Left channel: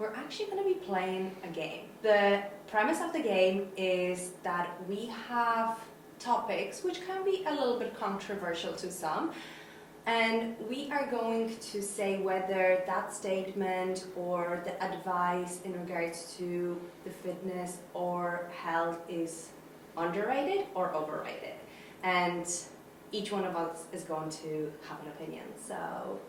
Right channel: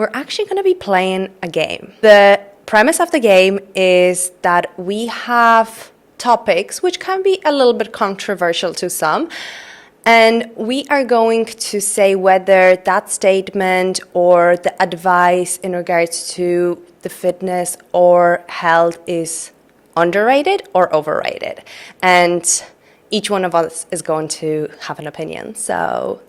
we're actually going to be playing a game. The premise of the game is that we have topics which can be a little bit controversial to some, and we are going to say whether that statement or the advice in regards to the fitness or health is underrated or overrated. And each one of us is going to have an opinion. So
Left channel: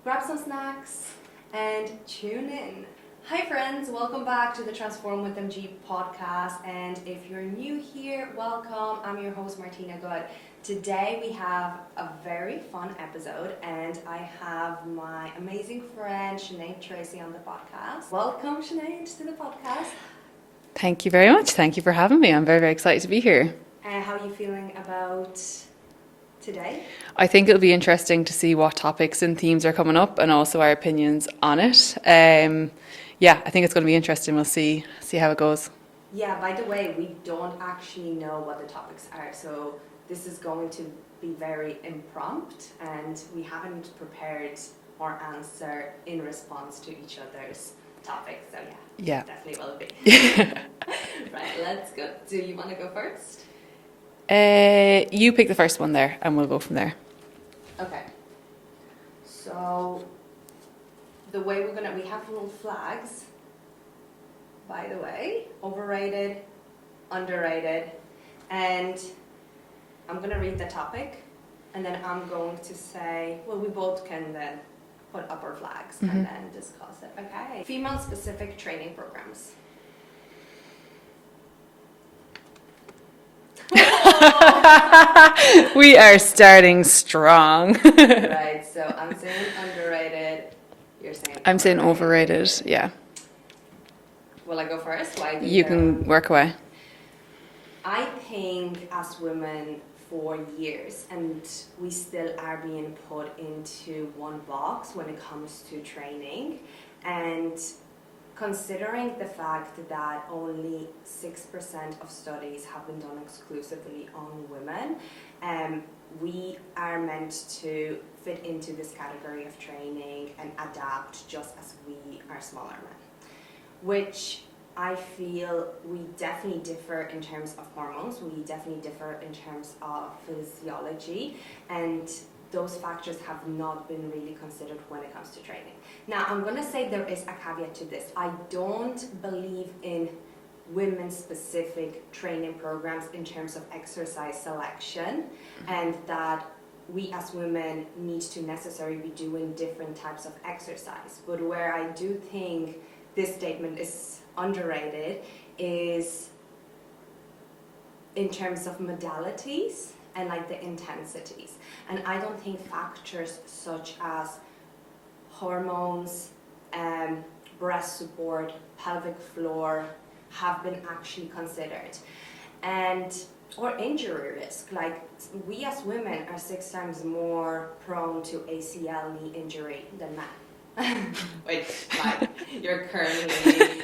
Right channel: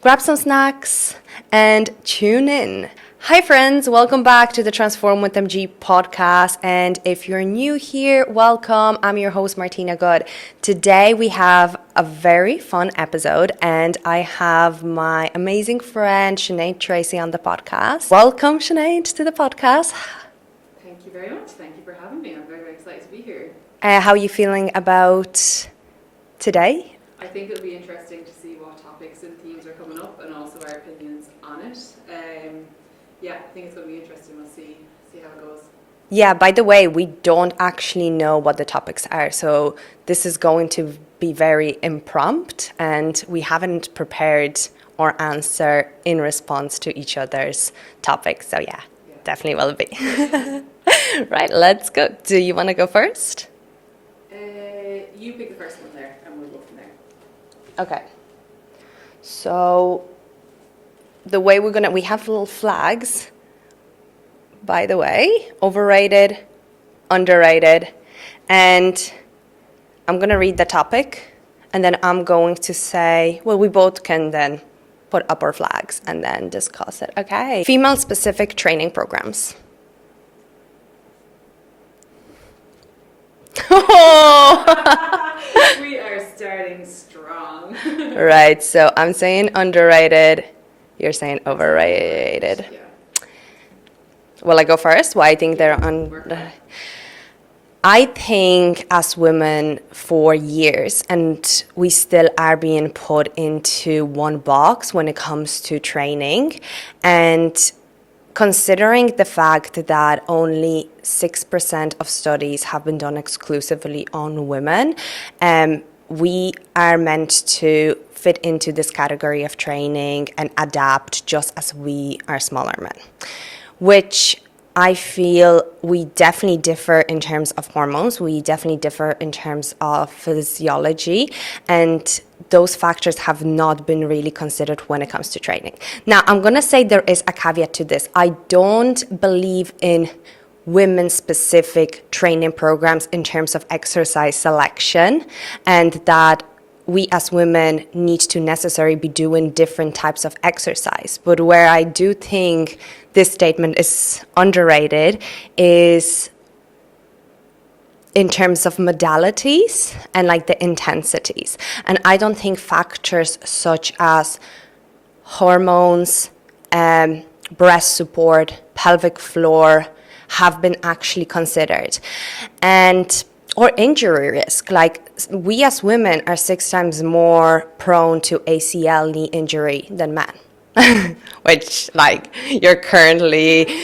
grab some snacks and tune in. Hi friends, welcome back to the Transform with MG podcast. And if you're new here, welcome. I'm your host, Martina Good. Today we have a very fun episode and I have my amazing friend, Sinead Tracy, on the podcast. Welcome, Sinead, to the podcast. Thank you very much. Thank you for having me. I'm very, very excited to be here. How are you feeling about today? I think it'll be interesting to see what topics and themes are coming up and also our opinions on it. I think it's going to be interesting. We'll see how it goes. Yeah, by the way, we don't actually know what the topics are. So this is going to be very impromptu and we haven't prepared our answer in response to each other's topics. So yeah, definitely will be. Right, let's go. Do you want to go first? You pick the first one there and we'll go from there. Okay. So the way we have little flags, by the way, overrated, underrated, and I'm going to read the topic and then I'm going to say, well, we both can then put up our flags and then discuss it. Okay. Female specific training programs. We are starting strong. Right, so I'm saying underrated. You're saying overrated. I'm saying overrated. Yeah. Will I go first? Why I think You can work away. I think as women for years, and we still are being put into one box when it comes to training, and considering the fact that only 6% of studies have been done exclusively on women, we are meant to fit into this category of training and adapt just as we are smaller men, which I feel we definitely differ in terms of hormones. We definitely differ in terms of physiology, and those factors have not been really considered when it comes to training. Now, I'm going to say there is a caveat to this. I don't believe in women-specific training programs in terms of exercise selection, and that we as women need to necessarily be doing different types of exercise. But where I do think this statement is underrated is in terms of modalities and like the intensities. And I don't think factors such as hormones, breast support, pelvic floor have been actually considered. Or injury risk. Like, we as women are 6 times more prone to ACL knee injury than men. Which, like, you're currently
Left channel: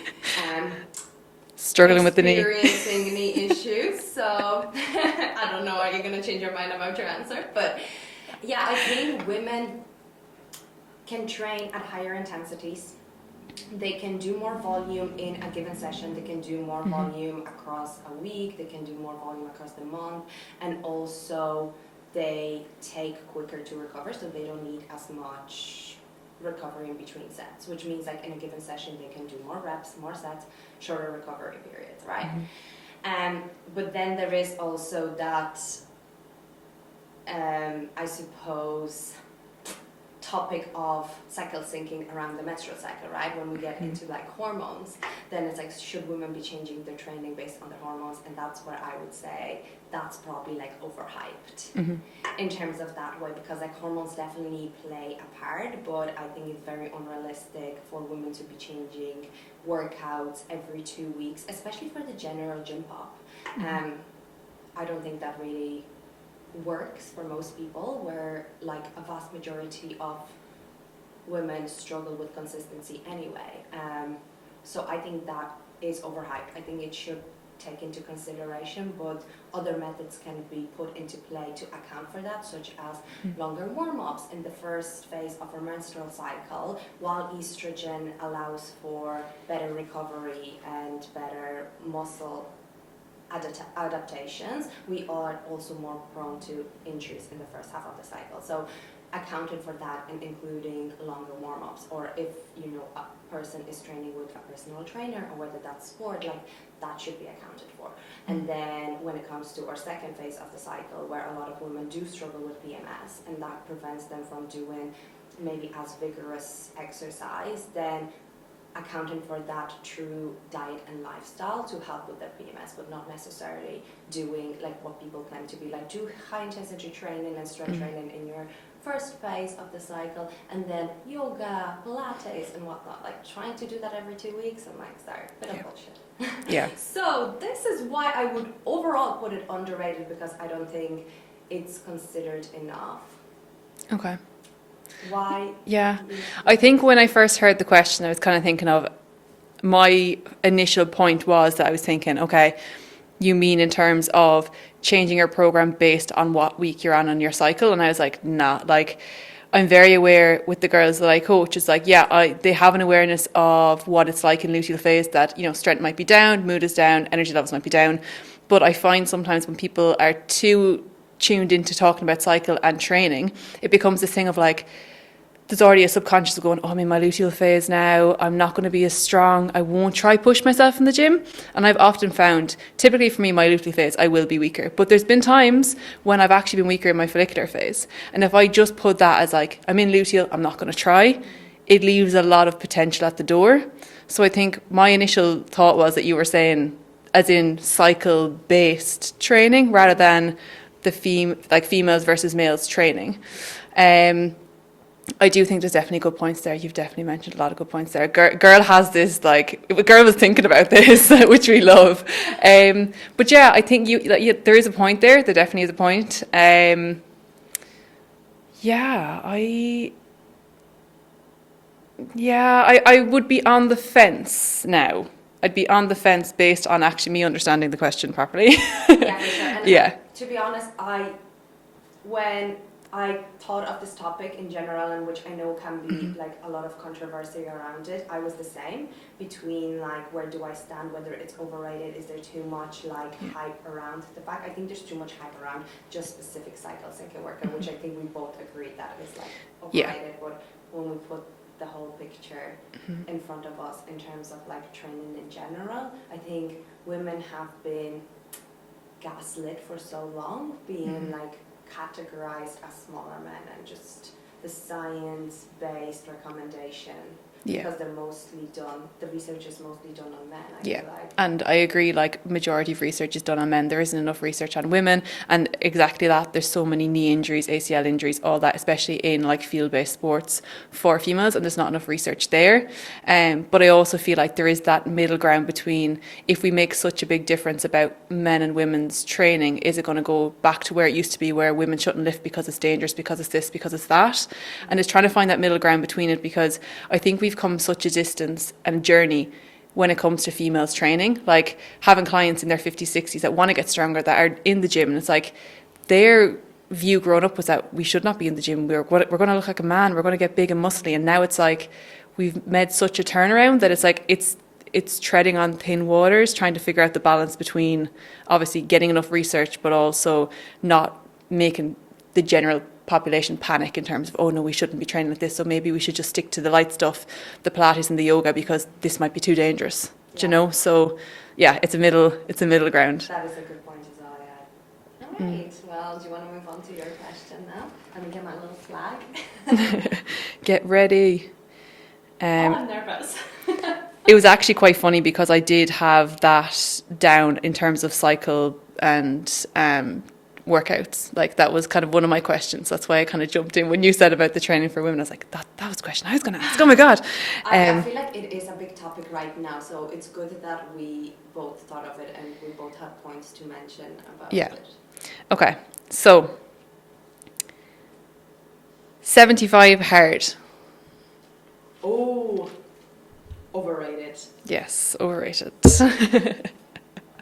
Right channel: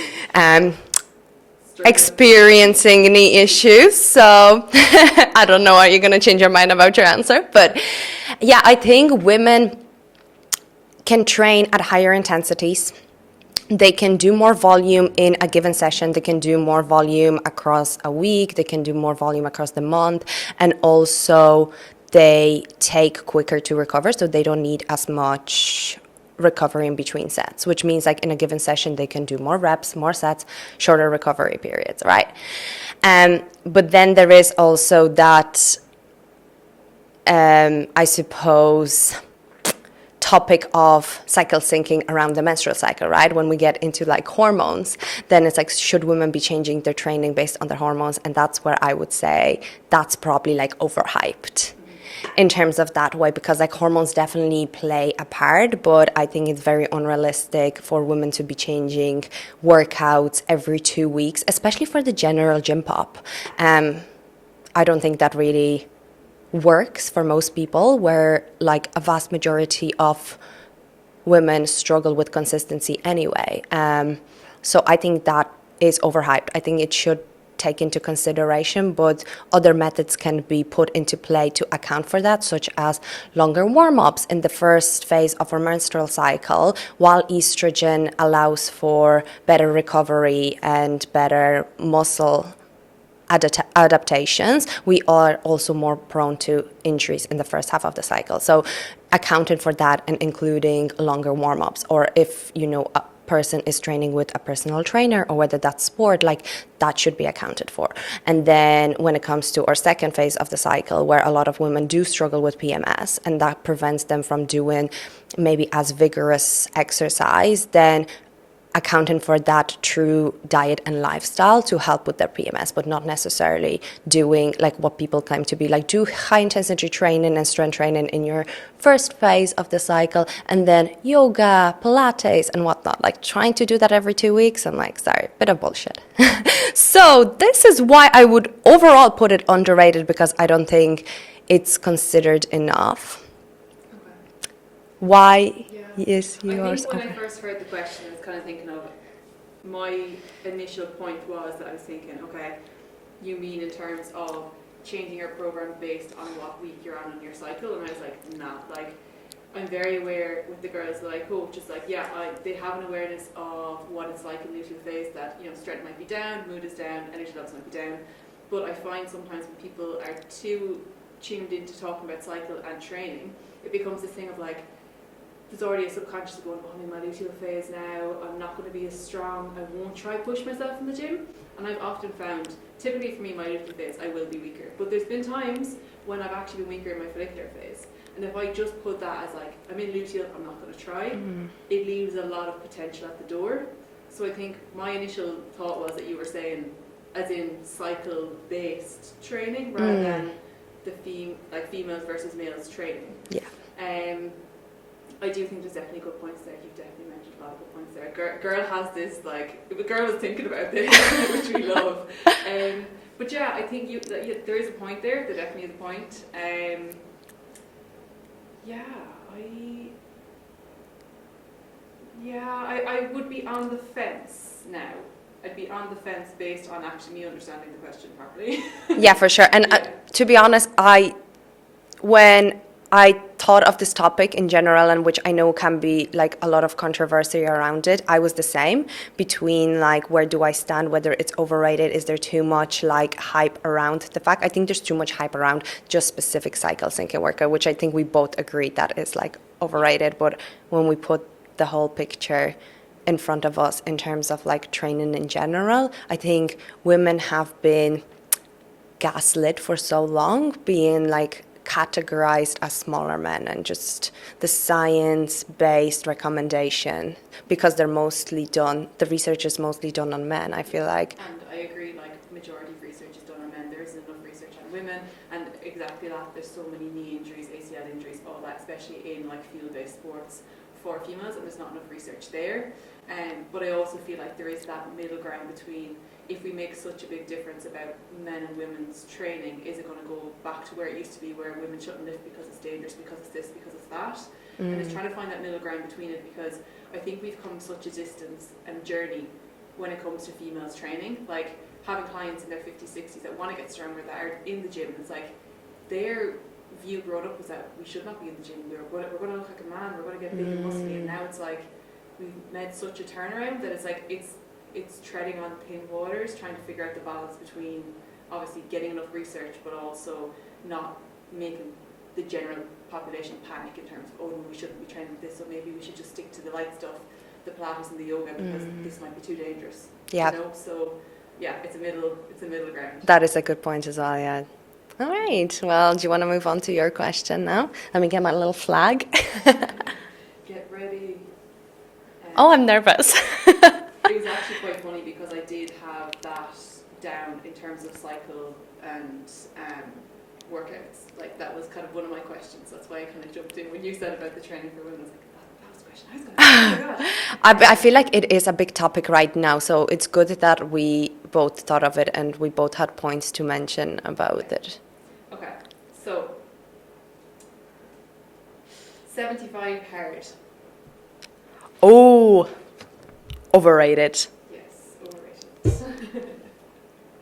experiencing knee issues. So I don't know, are you going to change your mind about your answer? But yeah, I think women can train at higher intensities. They can do more volume in a given session. They can do more volume across a week. They can do more volume across the month. And also they take quicker to recover, so they don't need as much recovery in between sets, which means like in a given session, they can do more reps, more sets, shorter recovery periods, right? But then there is also that, I suppose, topic of cycle syncing around the menstrual cycle, right? When we get into like hormones, then it's like, should women be changing their training based on their hormones? And that's where I would say that's probably like overhyped in terms of that way, because like hormones definitely play a part, but I think it's very unrealistic for women to be changing workouts every 2 weeks, especially for the general gym pop. I don't think that really works for most people, where like a vast majority of women struggle with consistency anyway. So I think that is overhyped. I think it should take into consideration, but other methods can be put into play to account for that, such as longer warm-ups in the first phase of our menstrual cycle, while estrogen allows for better recovery and better muscle adaptations. We are also more prone to injuries in the first half of the cycle. So accounting for that and including longer warm-ups, or if a person is training with a personal trainer, or whether that's sport, like that should be accounted for. And then when it comes to our second phase of the cycle, where a lot of women do struggle with PMS and that prevents them from doing maybe as vigorous exercise, then accounting for that through diet and lifestyle to help with their PMS, but not necessarily doing like what people claim to be like, do high intensity training and strength training in your first phase of the cycle, and then yoga, Pilates and whatnot, like trying to do that every 2 weeks. I'm like, sorry, bit of bullshit. So this is why I would overall put it underrated, because I don't think it's considered enough. Okay. Why? Yeah. Is I think when I first heard the question, I was kind of thinking of, my initial point was that I was thinking, okay, you mean in terms of changing your program based on what week you're on your cycle? And I was like, nah, like I'm very aware with the girls that I coach, it's like, they have an awareness of what it's like in luteal phase, that, strength might be down, mood is down, energy levels might be down. But I find sometimes when people are too tuned into talking about cycle and training, it becomes this thing of like, there's already a subconscious of going, I'm in my luteal phase now, I'm not going to be as strong, I won't try push myself in the gym. And I've often found, typically for me, my luteal phase, I will be weaker. But there's been times when I've actually been weaker in my follicular phase. And if I just put that as like, I'm in luteal, I'm not going to try, it leaves a lot of potential at the door. So I think my initial thought was that you were saying, as in cycle-based training, rather than the females versus males training. Yeah. I do think there's definitely good points there. You've definitely mentioned a lot of good points there. Girl has this, like, girl was thinking about this, which we love. But yeah, I think there is a point there. There definitely is a point. I would be on the fence now. I'd be on the fence based on actually me understanding the question properly. Yeah, for sure. And to be honest, when I thought of this topic in general, and which I know can be like a lot of controversy around it, I was the same between like, where do I stand, whether it's overrated, is there too much like hype around the fact. I think there's too much hype around just specific cycle syncing workout, which I think we both agree that is like overrated. But when we put the whole picture in front of us in terms of like training in general, I think women have been gaslit for so long, being like categorized as smaller men, and just the science-based recommendation, because they're mostly done, the research is mostly done on men, I feel like. And I agree, like majority of research is done on men. There isn't enough research on women, and exactly that, there's so many knee injuries, ACL injuries, all that, especially in like field-based sports for females, and there's not enough research there. But I also feel like there is that middle ground between, if we make such a big difference about men and women's training, is it going to go back to where it used to be, where women shouldn't lift because it's dangerous, because it's this, because it's that? And it's trying to find that middle ground between it, because I think we've come such a distance and journey when it comes to females training, like having clients in their 50s, 60s that want to get stronger, that are in the gym, and it's like their view growing up was that we should not be in the gym, we're going to look like a man, we're going to get big and muscly, and now it's like we've made such a turnaround that it's like it's treading on thin waters, trying to figure out the balance between obviously getting enough research but also not making the general population panic in terms of, oh no, we shouldn't be training like this, so maybe we should just stick to the light stuff, the Pilates and the yoga, because this might be too dangerous. Do you know? So yeah, it's a middle ground. That is a good point as well. Yeah. All right. Well, do you want to move on to your question now? Let me get my little flag. Get ready. I'm nervous. It was actually quite funny, because I did have that down in terms of cycle and workouts. Like that was kind of one of my questions. That's why I kind of jumped in when you said about the training for women. I was like, that was a question I was going to ask. Oh my god. I feel like it is a big topic right now, so it's good that we both thought of it and we both had points to mention about it. Okay, so 75 hard. Oh, overrated. Yes, overrated.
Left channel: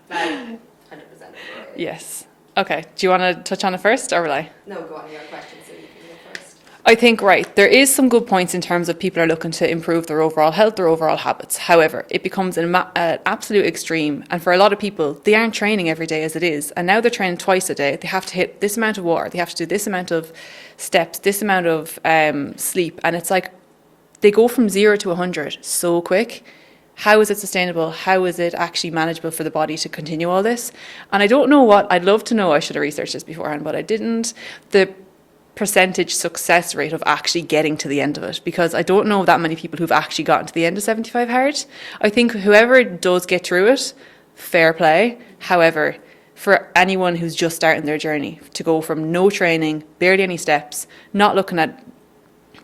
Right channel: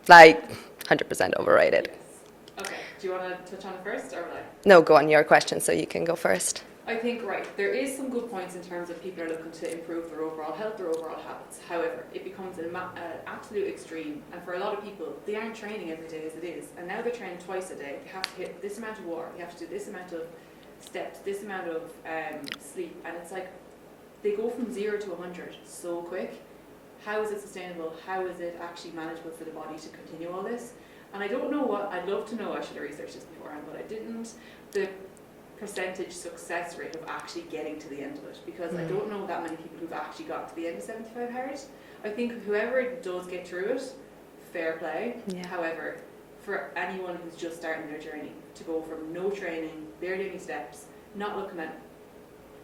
Like 100% overrated. Yes. Okay. Do you want to touch on it first or will I? No, go on your question, so you can go first. I think, right, there is some good points in terms of people are looking to improve their overall health, their overall habits. However, it becomes an absolute extreme. And for a lot of people, they aren't training every day as it is. And now they're training twice a day. They have to hit this amount of water. They have to do this amount of steps, this amount of sleep. And it's like they go from 0 to 100 so quick. How is it sustainable? How is it actually manageable for the body to continue all this? And I don't know what, I'd love to know, I should have researched this beforehand, but I didn't. The percentage success rate of actually getting to the end of it, because I don't know that many people who've actually gotten to the end of 75 hard. I think whoever does get through it, fair play. Yeah. However, for anyone who's just starting their journey, to go from no training, barely any steps, not looking at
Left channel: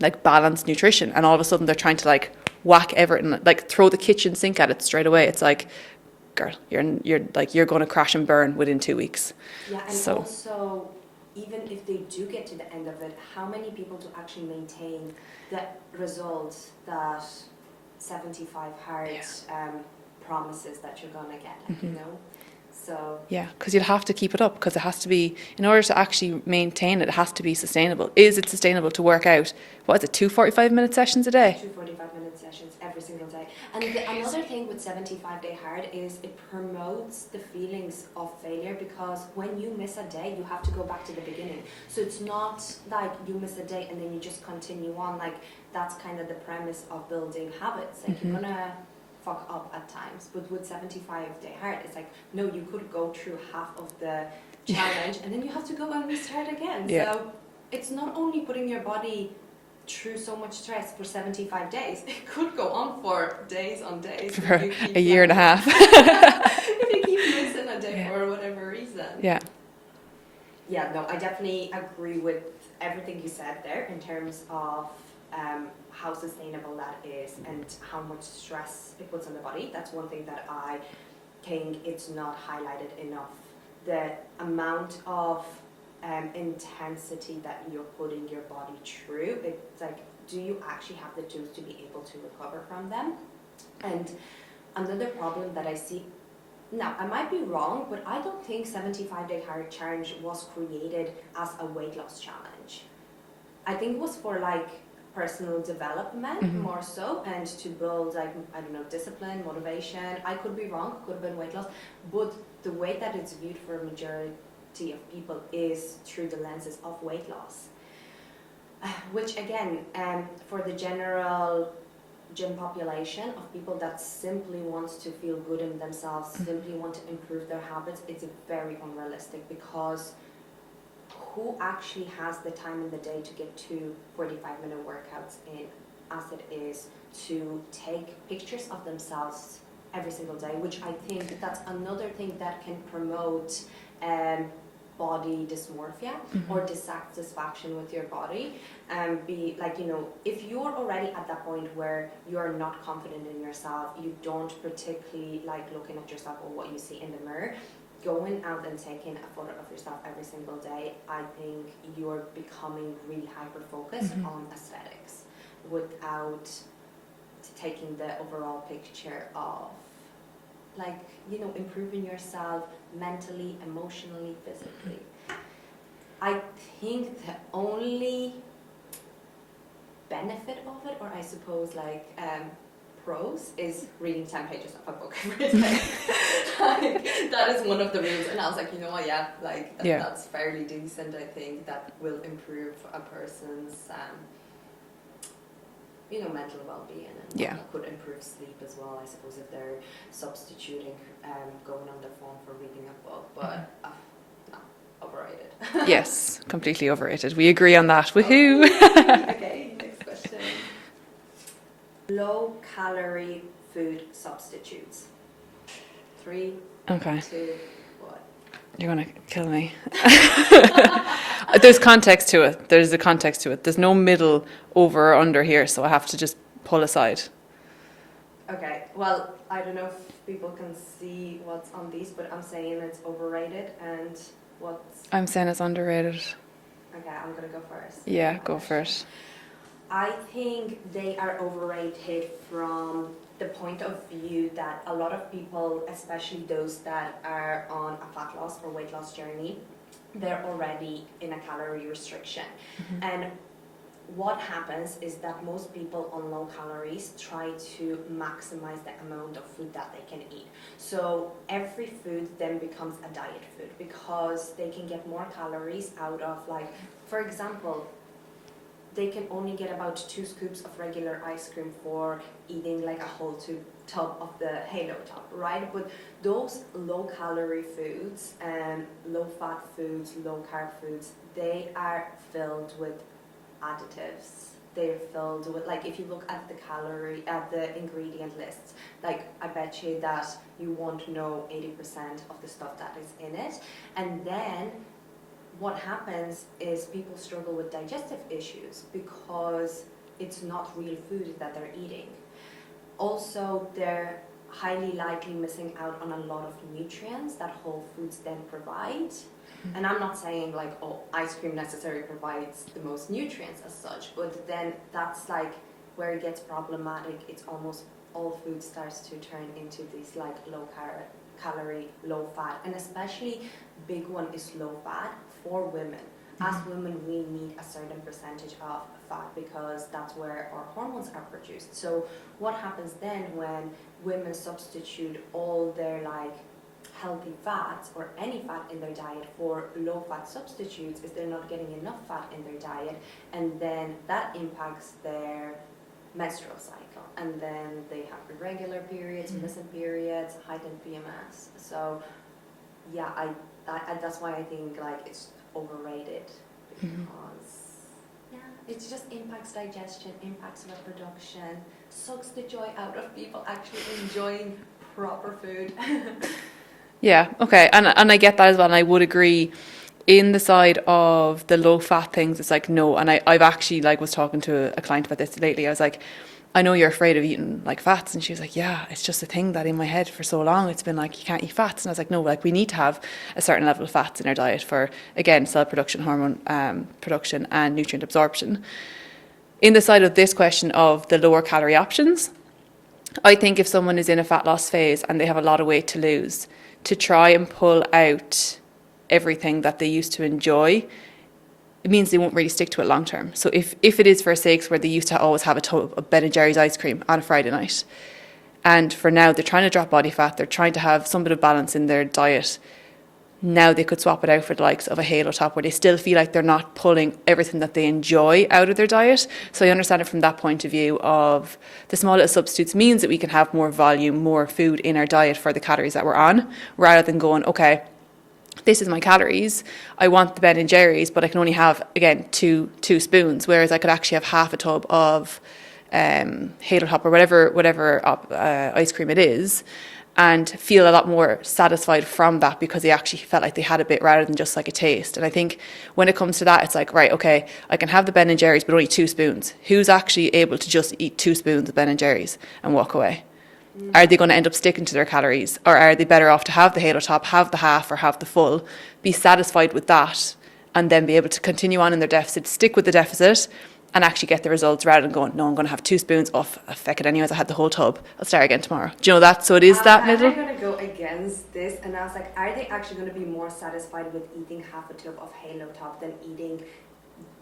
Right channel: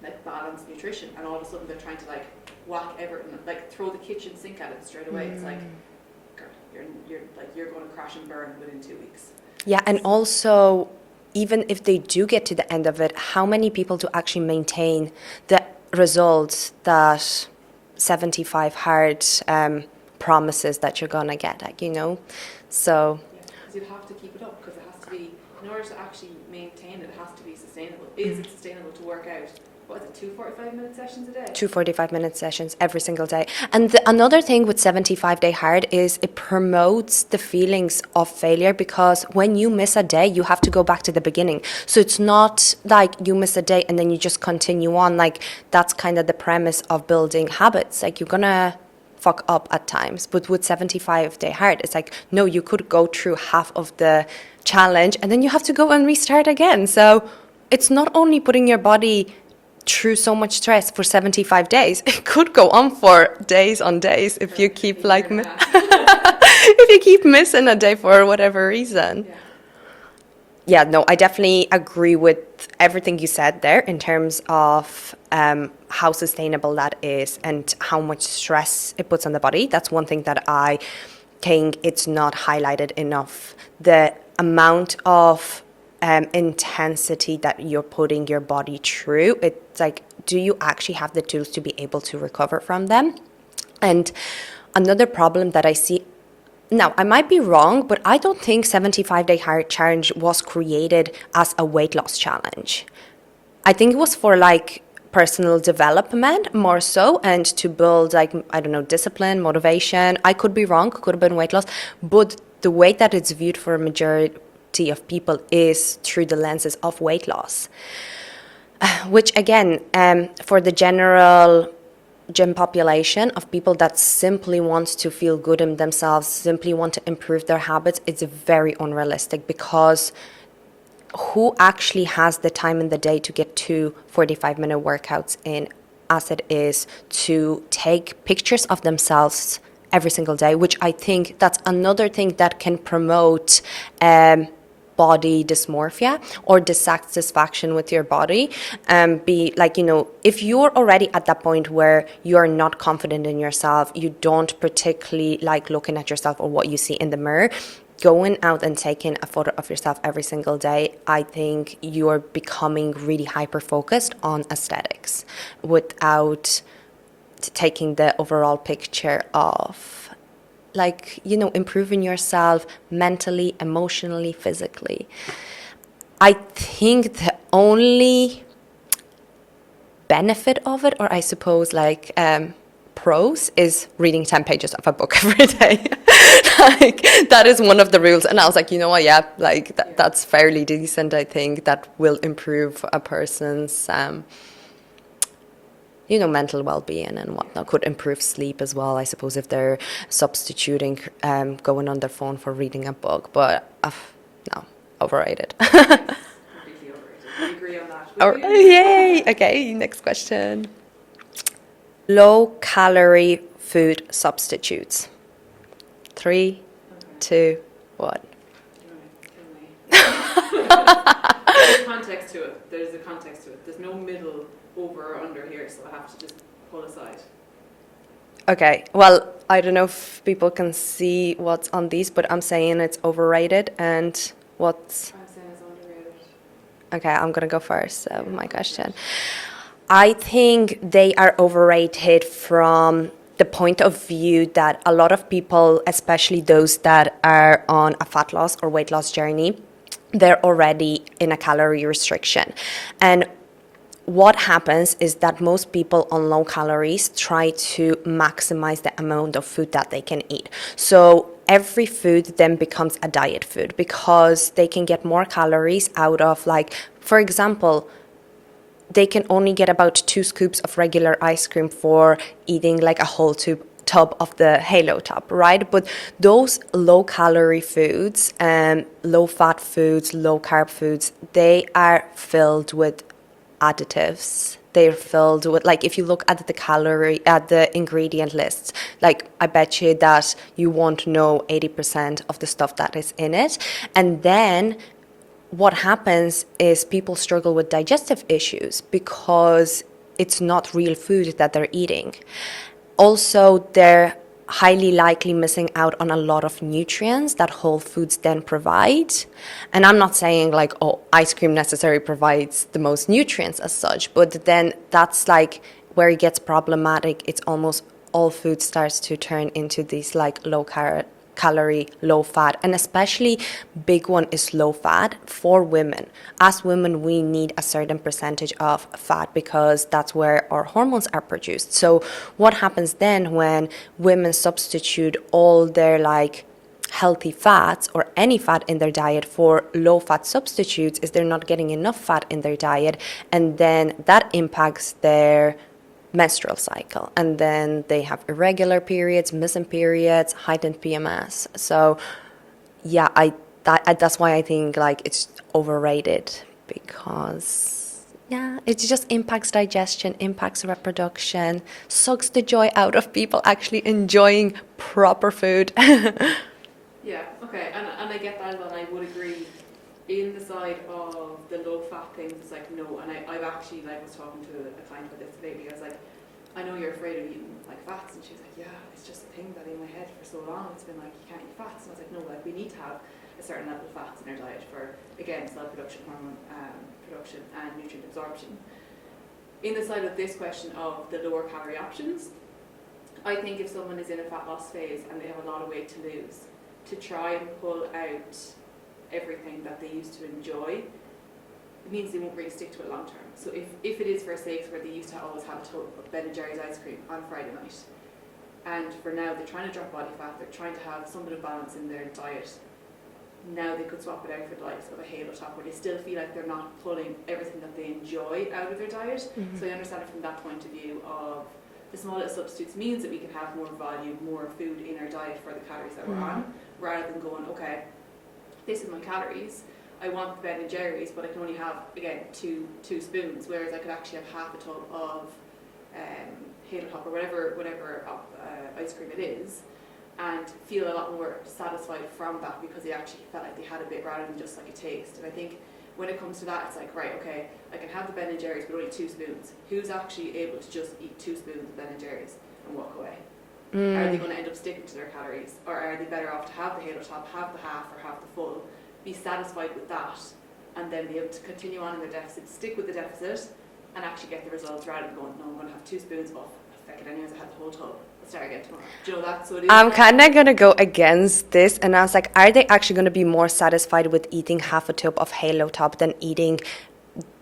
like balanced nutrition, and all of a sudden they're trying to like whack everything, like throw the kitchen sink at it straight away. It's like, girl, you're going to crash and burn within 2 weeks. Yeah, and so. Also, even if they do get to the end of it, how many people do actually maintain the results that 75 hard promises that you're going to get, like, you know? So yeah, because you'll have to keep it up, because it has to be, in order to actually maintain it, it has to be sustainable. Is it sustainable to work out, what is it, 2 45-minute sessions a day? 2 45-minute sessions every single day. And another thing with 75-day hard is it promotes the feelings of failure, because when you miss a day, you have to go back to the beginning. So it's not like you miss a day and then you just continue on. Like, that's kind of the premise of building habits. Like, you're going to fuck up at times, but with 75-day hard, it's like, no, you could go through half of the challenge and then you have to go and restart again. Yeah. So it's not only putting your body through so much stress for 75 days, it could go on for days on days if you keep a year and a half. if you keep missing a day for whatever reason. Yeah, no, I definitely agree with everything you said there in terms of how sustainable that is and how much stress it puts on the body. That's one thing that I think it's not highlighted enough. The amount of intensity that you're putting your body through, it's like, do you actually have the tools to be able to recover from them? And another problem that I see, now, I might be wrong, but I don't think 75-day hard challenge was created as a weight loss challenge. I think it was for like personal development more so, and to build like, I don't know, discipline, motivation. I could be wrong, could have been weight loss, but the way that it's viewed for a majority of people is through the lenses of weight loss, which again, for the general gym population of people that simply want to feel good in themselves, simply want to improve their habits, it's very unrealistic, because who actually has the time in the day to get 2 45-minute workouts in, as it is to take pictures of themselves every single day, which I think that's another thing that can promote body dysmorphia or dissatisfaction with your body. Be like, you know, if you're already at that point where you're not confident in yourself, you don't particularly like looking at yourself or what you see in the mirror, going out and taking a photo of yourself every single day, I think you're becoming really hyper-focused on aesthetics without taking the overall picture of, like, you know, improving yourself mentally, emotionally, physically. I think the only benefit of it, or I suppose like pros, is reading 10 pages of a book every day. Like, that is one of the rules. And I was like, you know what, yeah, like that's fairly decent. I think that will improve a person's you know, mental well-being and whatnot. Could improve sleep as well, I suppose, if they're substituting going on their phone for reading a book. But no, overrated. Yes, completely overrated. We agree on that. Woohoo! Yay! Okay, next question. Low-calorie food substitutes. 3, 2, 1. You're going to kill me. There's context to it. There's a context to it. There's no middle over or under here, so I have to just pull aside. Okay, well, I don't know if people can see what's on these, but I'm saying it's overrated, and what's... I'm saying it's underrated. Okay, I'm going to go first. Yeah, my go question. first. I think they are overrated from the point of view that a lot of people, especially those that are on a fat loss or weight loss journey, they're already in a calorie restriction. And what happens is that most people on low calories try to maximize the amount of food that they can eat. So every food then becomes a diet food because they can get more calories out of, like, for example, they can only get about 2 scoops of regular ice cream for eating like a whole tub of the Halo Top, right? But those low calorie foods, low fat foods, low carb foods, they are filled with additives. They're filled with, like, if you look at the ingredient lists, like, I bet you that you won't know 80% of the stuff that is in it. And then what happens is people struggle with digestive issues because it's not real food that they're eating. Also, they're highly likely missing out on a lot of nutrients that whole foods then provide. And I'm not saying like, oh, ice cream necessarily provides the most nutrients as such, but then that's like where it gets problematic. It's almost all food starts to turn into these like low calorie, low fat, and especially big one is low fat for women. As women, we need a certain percentage of fat because that's where our hormones are produced. So what happens then when women substitute all their like healthy fats or any fat in their diet for low fat substitutes is they're not getting enough fat in their diet, and then that impacts their menstrual cycle, and then they have irregular periods, missing periods, heightened PMS. So yeah, that's why I think like it's overrated, because yeah, it just impacts digestion, impacts reproduction, sucks the joy out of people actually enjoying proper food. Yeah, okay. And I get that as well. And I would agree in the side of the low fat things, it's like, no. And I've actually like was talking to a client about this lately. I was like, I know you're afraid of eating like fats. And she was like, yeah, it's just a thing that in my head for so long, it's been like, you can't eat fats. And I was like, no, like we need to have a certain level of fats in our diet for, again, cell production, hormone production and nutrient absorption. In the side of this question of the lower calorie options, I think if someone is in a fat loss phase and they have a lot of weight to lose, to try and pull out everything that they used to enjoy, it means they won't really stick to it long term. So if it is for sakes where they used to always have a tub of Ben & Jerry's ice cream on a Friday night, and for now they're trying to drop body fat, they're trying to have some bit of balance in their diet, now they could swap it out for the likes of a Halo Top where they still feel like they're not pulling everything that they enjoy out of their diet. Mm-hmm. So I understand it from that point of view of the small little substitutes means that we can have more volume, more food in our diet for the calories that we're on, rather than going, okay, this is my calories, I want the Ben & Jerry's, but I can only have, again, two spoons, whereas I could actually have half a tub of Halo Top or whatever ice cream it is, and feel a lot more satisfied from that because they actually felt like they had a bit rather than just like a taste. And I think when it comes to that, it's like, right, okay, I can have the Ben & Jerry's, but only 2 spoons. Who's actually able to just eat 2 spoons of Ben & Jerry's and walk away? Are they going to end up sticking to their calories, or are they better off to have the Halo Top, have the half or have the full, be satisfied with that, and then be able to continue on in their deficit, stick with the deficit, and actually get the results rather than going, no, I'm going to have 2 spoons. Oh, feck it anyways, I had the whole tub. I'll start again tomorrow. Do you know that? So it is I'm that. I'm kind of going to go against this. And I was like, are they actually going to be more satisfied with eating half a tub of Halo Top than eating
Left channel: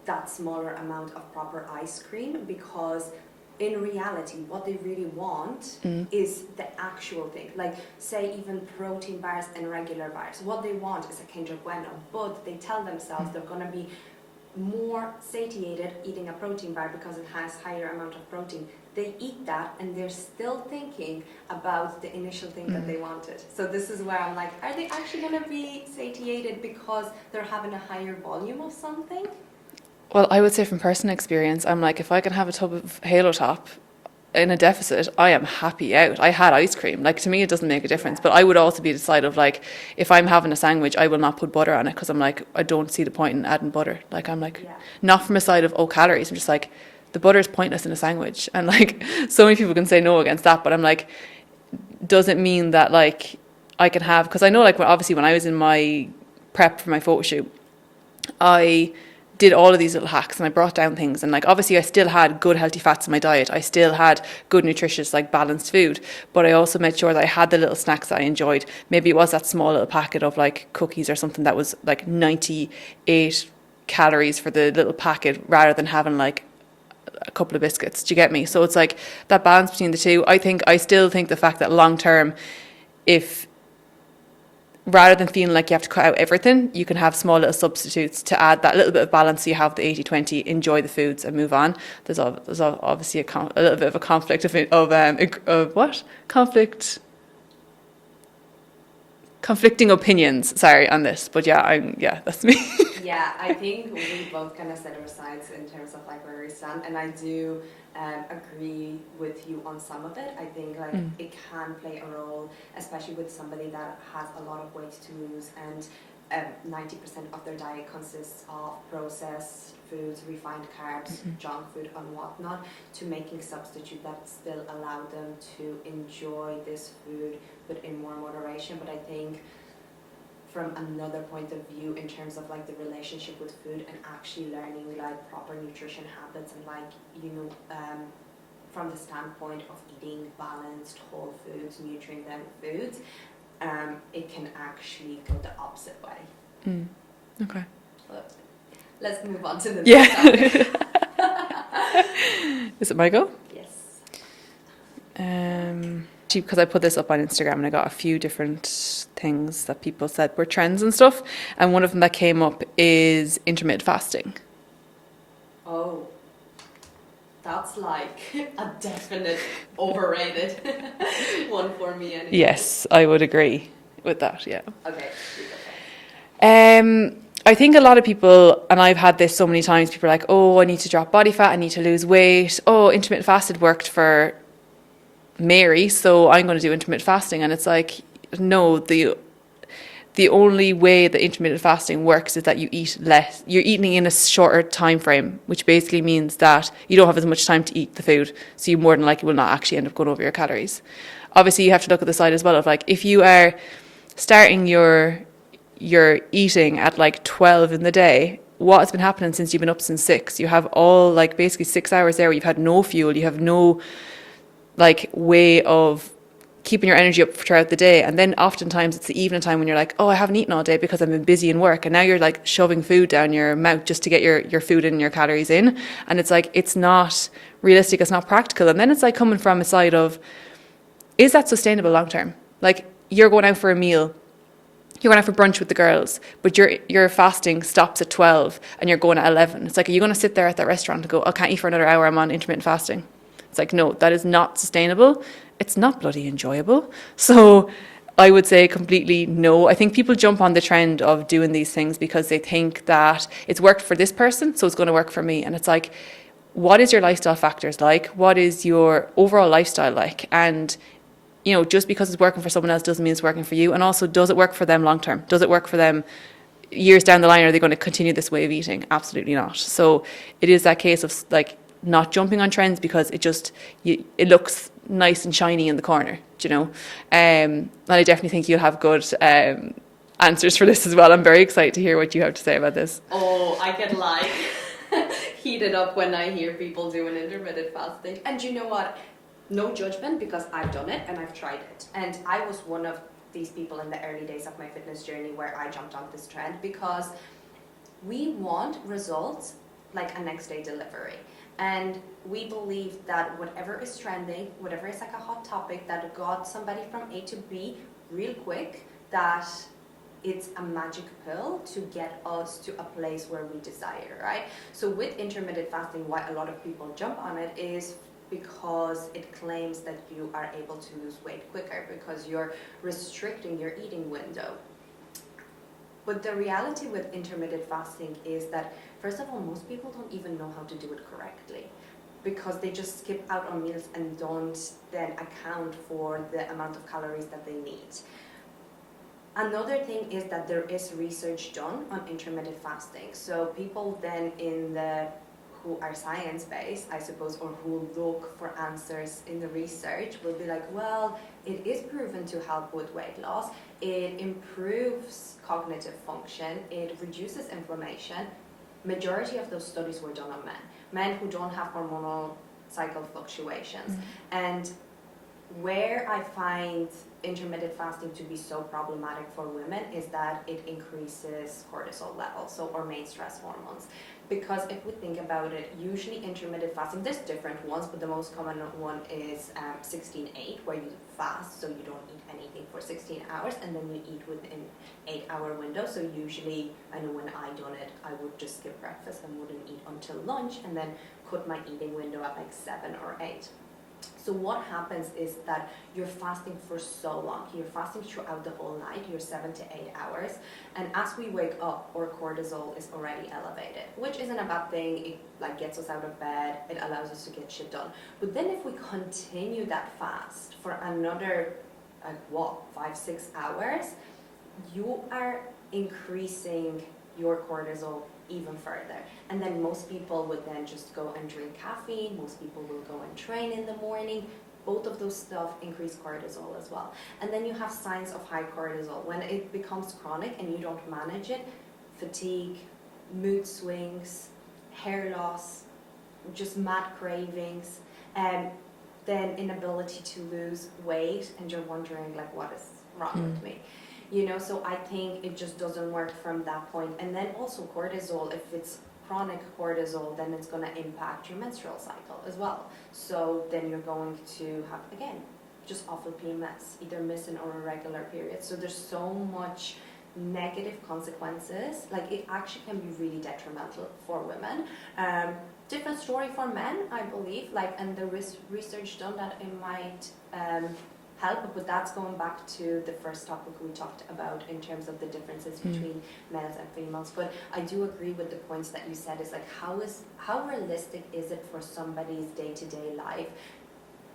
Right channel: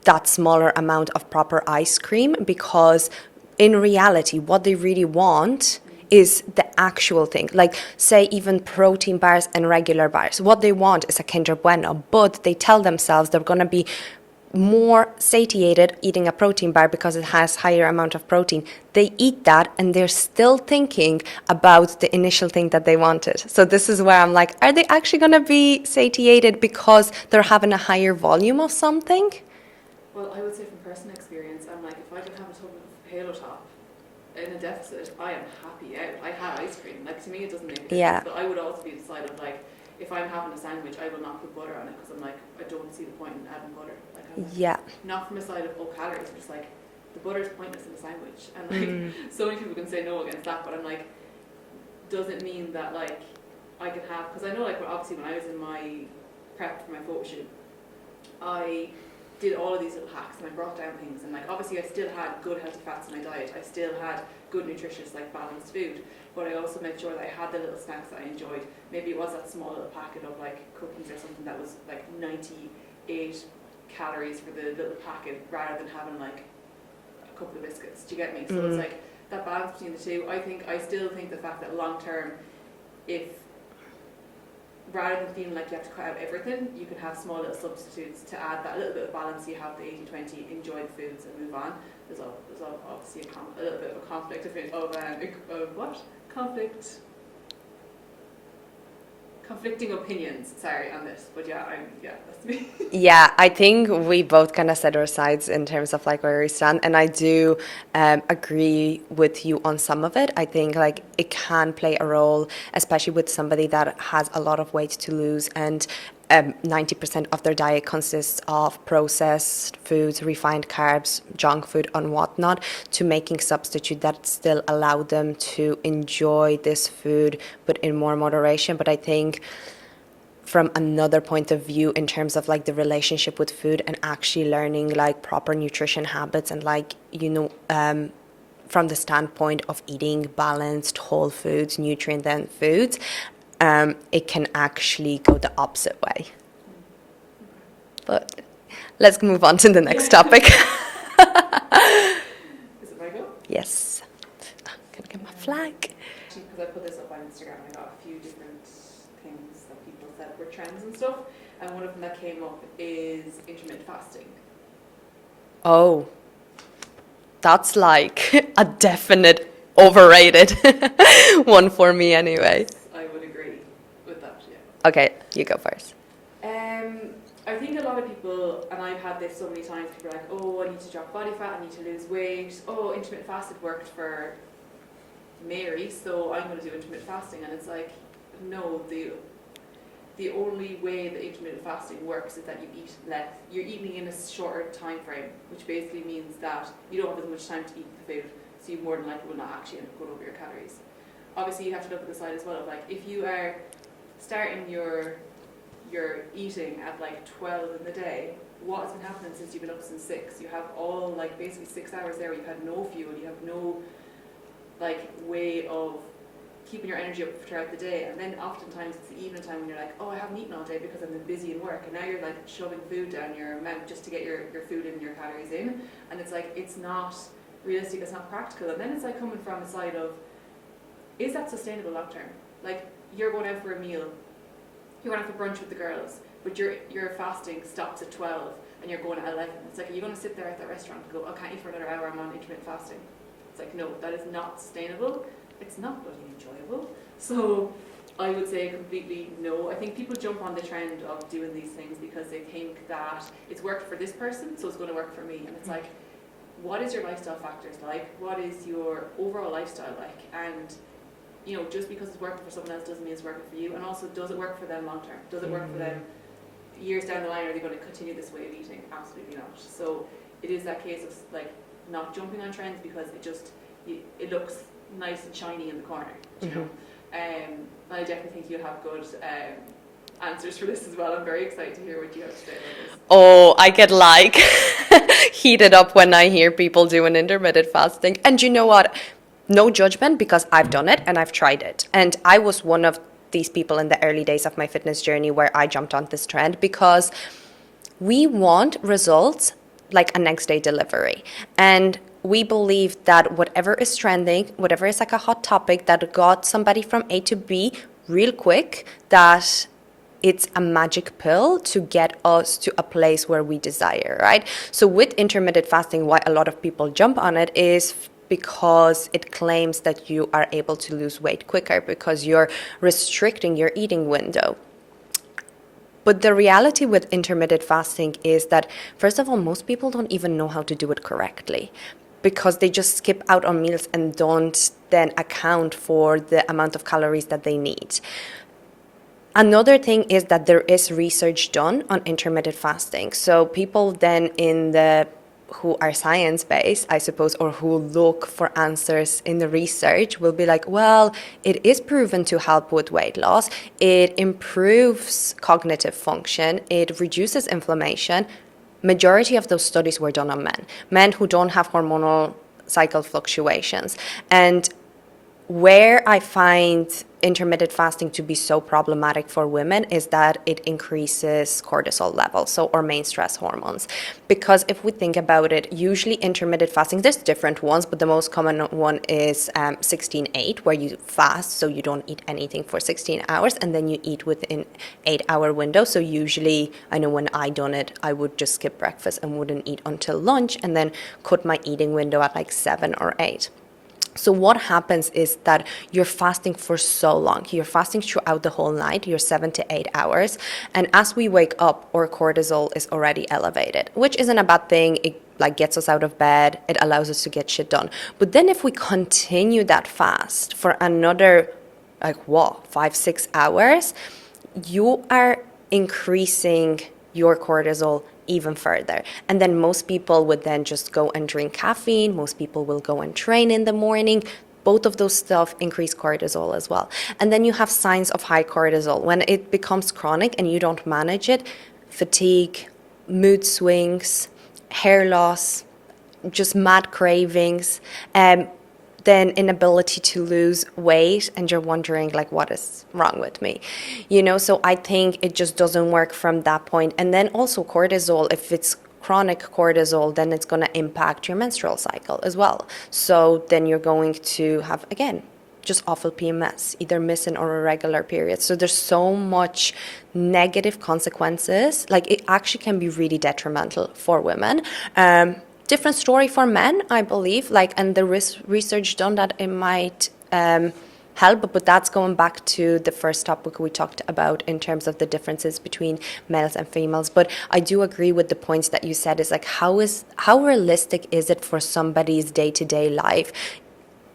that smaller amount of proper ice cream? Because in reality, what they really want is the actual thing. Like, say, even protein bars and regular bars. What they want is a Kinder Bueno, but they tell themselves they're going to be more satiated eating a protein bar because it has higher amount of protein. They eat that and they're still thinking about the initial thing that they wanted. So this is where I'm like, are they actually going to be satiated because they're having a higher volume of something? Well, I would say from personal experience, I'm like, if I can have a tub of Halo Top in a deficit, I am happy out. I had ice cream. Like, to me, it doesn't make a difference. Yeah. But I would also be the side of, like, if I'm having a sandwich, I will not put butter on it because I'm like, I don't see the point in adding butter. Like, I'm like, not from a side of, oh, calories. I'm just like, the butter is pointless in a sandwich. And, like, so many people can say no against that. But I'm like, does it mean that, like, I can have... Because I know, like, obviously when I was in my prep for my photo shoot, I did all of these little hacks and I brought down things, and like obviously I still had good healthy fats in my diet, I still had good nutritious like balanced food, but I also made sure that I had the little snacks that I enjoyed. Maybe it was that small little packet of like cookies or something that was like 98 calories for the little packet rather than having like a couple of biscuits. Do you get me? So it's like that balance between the two. I still think the fact that long term, if rather than feeling like you have to cut out everything, you can have small little substitutes to add that little bit of balance, so you have the 80-20, enjoy the foods and move on. There's obviously a little bit of a conflict of what? Conflicting opinions, sorry, on this. But yeah, that's me. Yeah, I think we both kind of set our sides in terms of like where we stand, and I do agree with you on some of it. I think like it can play a role, especially with somebody that has a lot of weight to lose, and 90% of their diet consists of processed foods, refined carbs, junk food and whatnot, to making substitute that still allow them to enjoy this food but in more moderation. But I think from another point of view, in terms of like the relationship with food and actually learning like proper nutrition habits, and like, you know, from the standpoint of eating balanced whole foods, nutrient dense foods, it can actually go the opposite way. Okay. But let's move on to the next topic. Is it my go? Yes. Flag. Because I put this up on Instagram and I got a few different things that people said were trends and stuff. And one of them that came up is intermittent fasting. Oh, that's like a definite overrated one for me anyway. Yes, I would agree with that, yeah. Okay, you go first. I think a lot of people, and I've had this so many times, people are like, oh, I need to drop body fat, I need to lose weight. Oh, intermittent fasting worked for Mary, so I'm going to do intermittent fasting. And it's like, no, the only way that intermittent fasting works is that you eat less. You're eating in a shorter time frame, which basically means that you don't have as much time to eat the food, so you more than likely will not actually end up going over your calories. Obviously, you have to look at the side as well of like, if you are starting your eating at like 12 in the day, what has been happening since you've been up since 6? You have all like basically 6 hours there where you've had no fuel, you have no like way of keeping your energy up throughout the day. And then oftentimes it's the evening time when you're like, oh, I haven't eaten all day because I've been busy in work, and now you're like shoving food down your mouth just to get your food and your calories in. And it's like, it's not realistic, it's not practical. And then it's like coming from a side of, is that sustainable long term? Like, you're going out for a meal, you're going out for brunch with the girls, but your fasting stops at 12 and you're going at 11. It's like, are you going to sit there at that restaurant and go, I can't eat for another hour, I'm on intermittent fasting? It's like, no, that is not sustainable. It's not bloody enjoyable. So I would say completely no. I think people jump on the trend of doing these things because they think that it's worked for this person, so it's going to work for me. And it's like, what is your lifestyle factors like? What is your overall lifestyle like? And, you know, just because it's working for someone else doesn't mean it's working for you. And also, does it work for them long term? Does it work for them years down the line? Are they going to continue this way of eating? Absolutely not. So it is that case of like not jumping on trends because it looks nice and shiny in the corner, do you know? And I definitely think you'll have good answers for this as well. I'm very excited to hear what you have to say about this. Oh, I get like heated up when I hear people doing intermittent fasting. And you know what? No judgment, because I've done it and I've tried it. And I was one of these people in the early days of my fitness journey where I jumped on this trend because we want results like a next day delivery. And we believe that whatever is trending, whatever is like a hot topic that got somebody from A to B real quick, that it's a magic pill to get us to a place where we desire, right? So with intermittent fasting, why a lot of people jump on it is because it claims that you are able to lose weight quicker because you're restricting your eating window. But the reality with intermittent fasting is that, first of all, most people don't even know how to do it correctly because they just skip out on meals and don't then account for the amount of calories that they need. Another thing is that there is research done on intermittent fasting. So people then who are science-based, I suppose, or who look for answers in the research will be like, well, it is proven to help with weight loss. It improves cognitive function. It reduces inflammation. majority of those studies were done on men who don't have hormonal cycle fluctuations. And where I find intermittent fasting to be so problematic for women is that it increases cortisol levels, so our main stress hormones. Because if we think about it, usually intermittent fasting, there's different ones, but the most common one is 16-8, where you fast, so you don't eat anything for 16 hours, and then you eat within 8-hour window. So usually, I know when I done it, I would just skip breakfast and wouldn't eat until lunch, and then cut my eating window at like 7 or 8. So what happens is that you're fasting for so long. You're fasting throughout the whole night. You're 7 to 8 hours. And as we wake up, our cortisol is already elevated, which isn't a bad thing. It like gets us out of bed. It allows us to get shit done. But then if we continue that fast for another, 5-6 hours, you are increasing your cortisol even further. And then most people would then just go and drink caffeine. Most people will go and train in the morning. Both of those stuff increase cortisol as well. And then you have signs of high cortisol. When it becomes chronic and you don't manage it, fatigue, mood swings, hair loss, just mad cravings, then inability to lose weight, and you're wondering like, what is wrong with me, so I think it just doesn't work from that point. And then also cortisol, if it's chronic cortisol, then it's going to impact your menstrual cycle as well. So then you're going to have, again, just awful PMS, either missing or irregular periods. So there's so much negative consequences. Like, it actually can be really detrimental for women. Different story for men, I believe, and the research done that it might help, but that's going back to the first topic we talked about in terms of the differences between males and females. But I do agree with the points that you said, is like, how realistic is it for somebody's day-to-day life?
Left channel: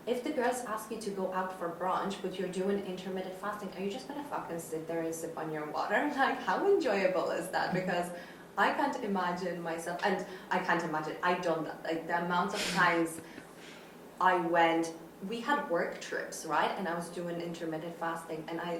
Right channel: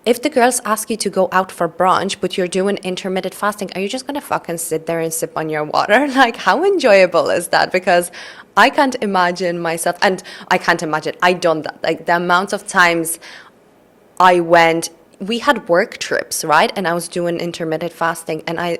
If the girls ask you to go out for brunch, but you're doing intermittent fasting, are you just going to fucking sit there and sip on your water? Like, how enjoyable is that? Because I can't imagine myself, and I can't imagine, I done that. Like, the amount of times we had work trips, right? And I was doing intermittent fasting, and I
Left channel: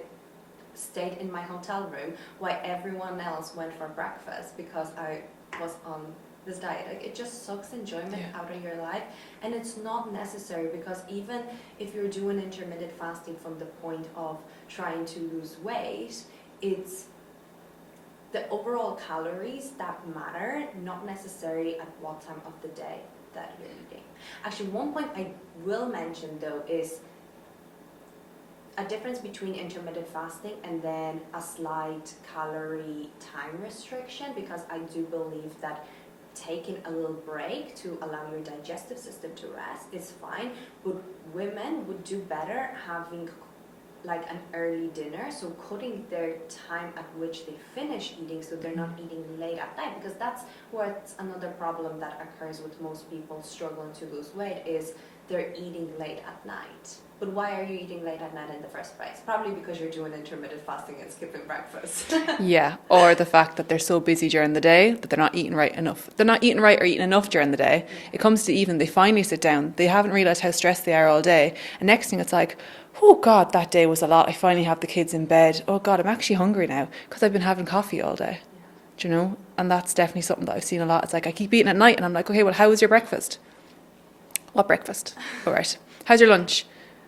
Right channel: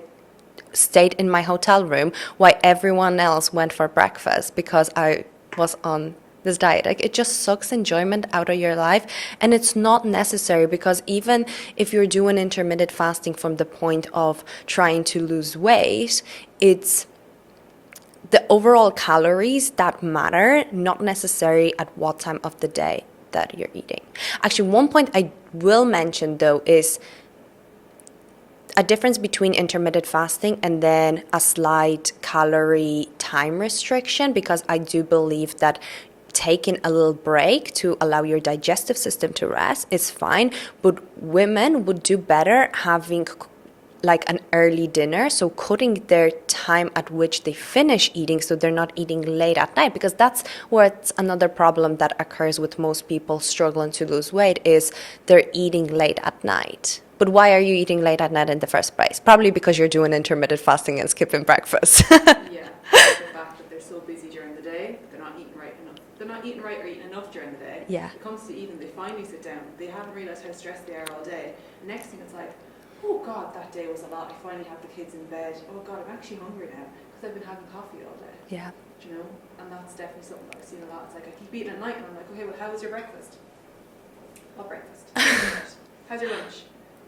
stayed in my hotel room while everyone else went for breakfast because I was on this diet. Like, it just sucks enjoyment out of your life, and it's not necessary, because even if you're doing intermittent fasting from the point of trying to lose weight, it's the overall calories that matter, not necessarily at what time of the day that you're eating. Actually, one point I will mention though is a difference between intermittent fasting and then a slight calorie time restriction, because I do believe that taking a little break to allow your digestive system to rest is fine, but women would do better having like an early dinner, so cutting their time at which they finish eating, so they're not eating late at night, because that's what's another problem that occurs with most people struggling to lose weight, is they're eating late at night. But why are you eating late at night in the first place? Probably because you're doing intermittent fasting and skipping breakfast. Yeah, or the fact that they're so busy during the day that they're not eating right enough. They're not eating right or eating enough during the day. Yeah. It comes to even, they finally sit down, they haven't realised how stressed they are all day. And next thing it's like, oh God, that day was a lot. I finally have the kids in bed. Oh God, I'm actually hungry now because I've been having coffee all day. Yeah. Do you know? And that's definitely something that I've seen a lot. It's like, I keep eating at night and I'm like, okay, well, how was your breakfast? What breakfast? All right. How's your lunch?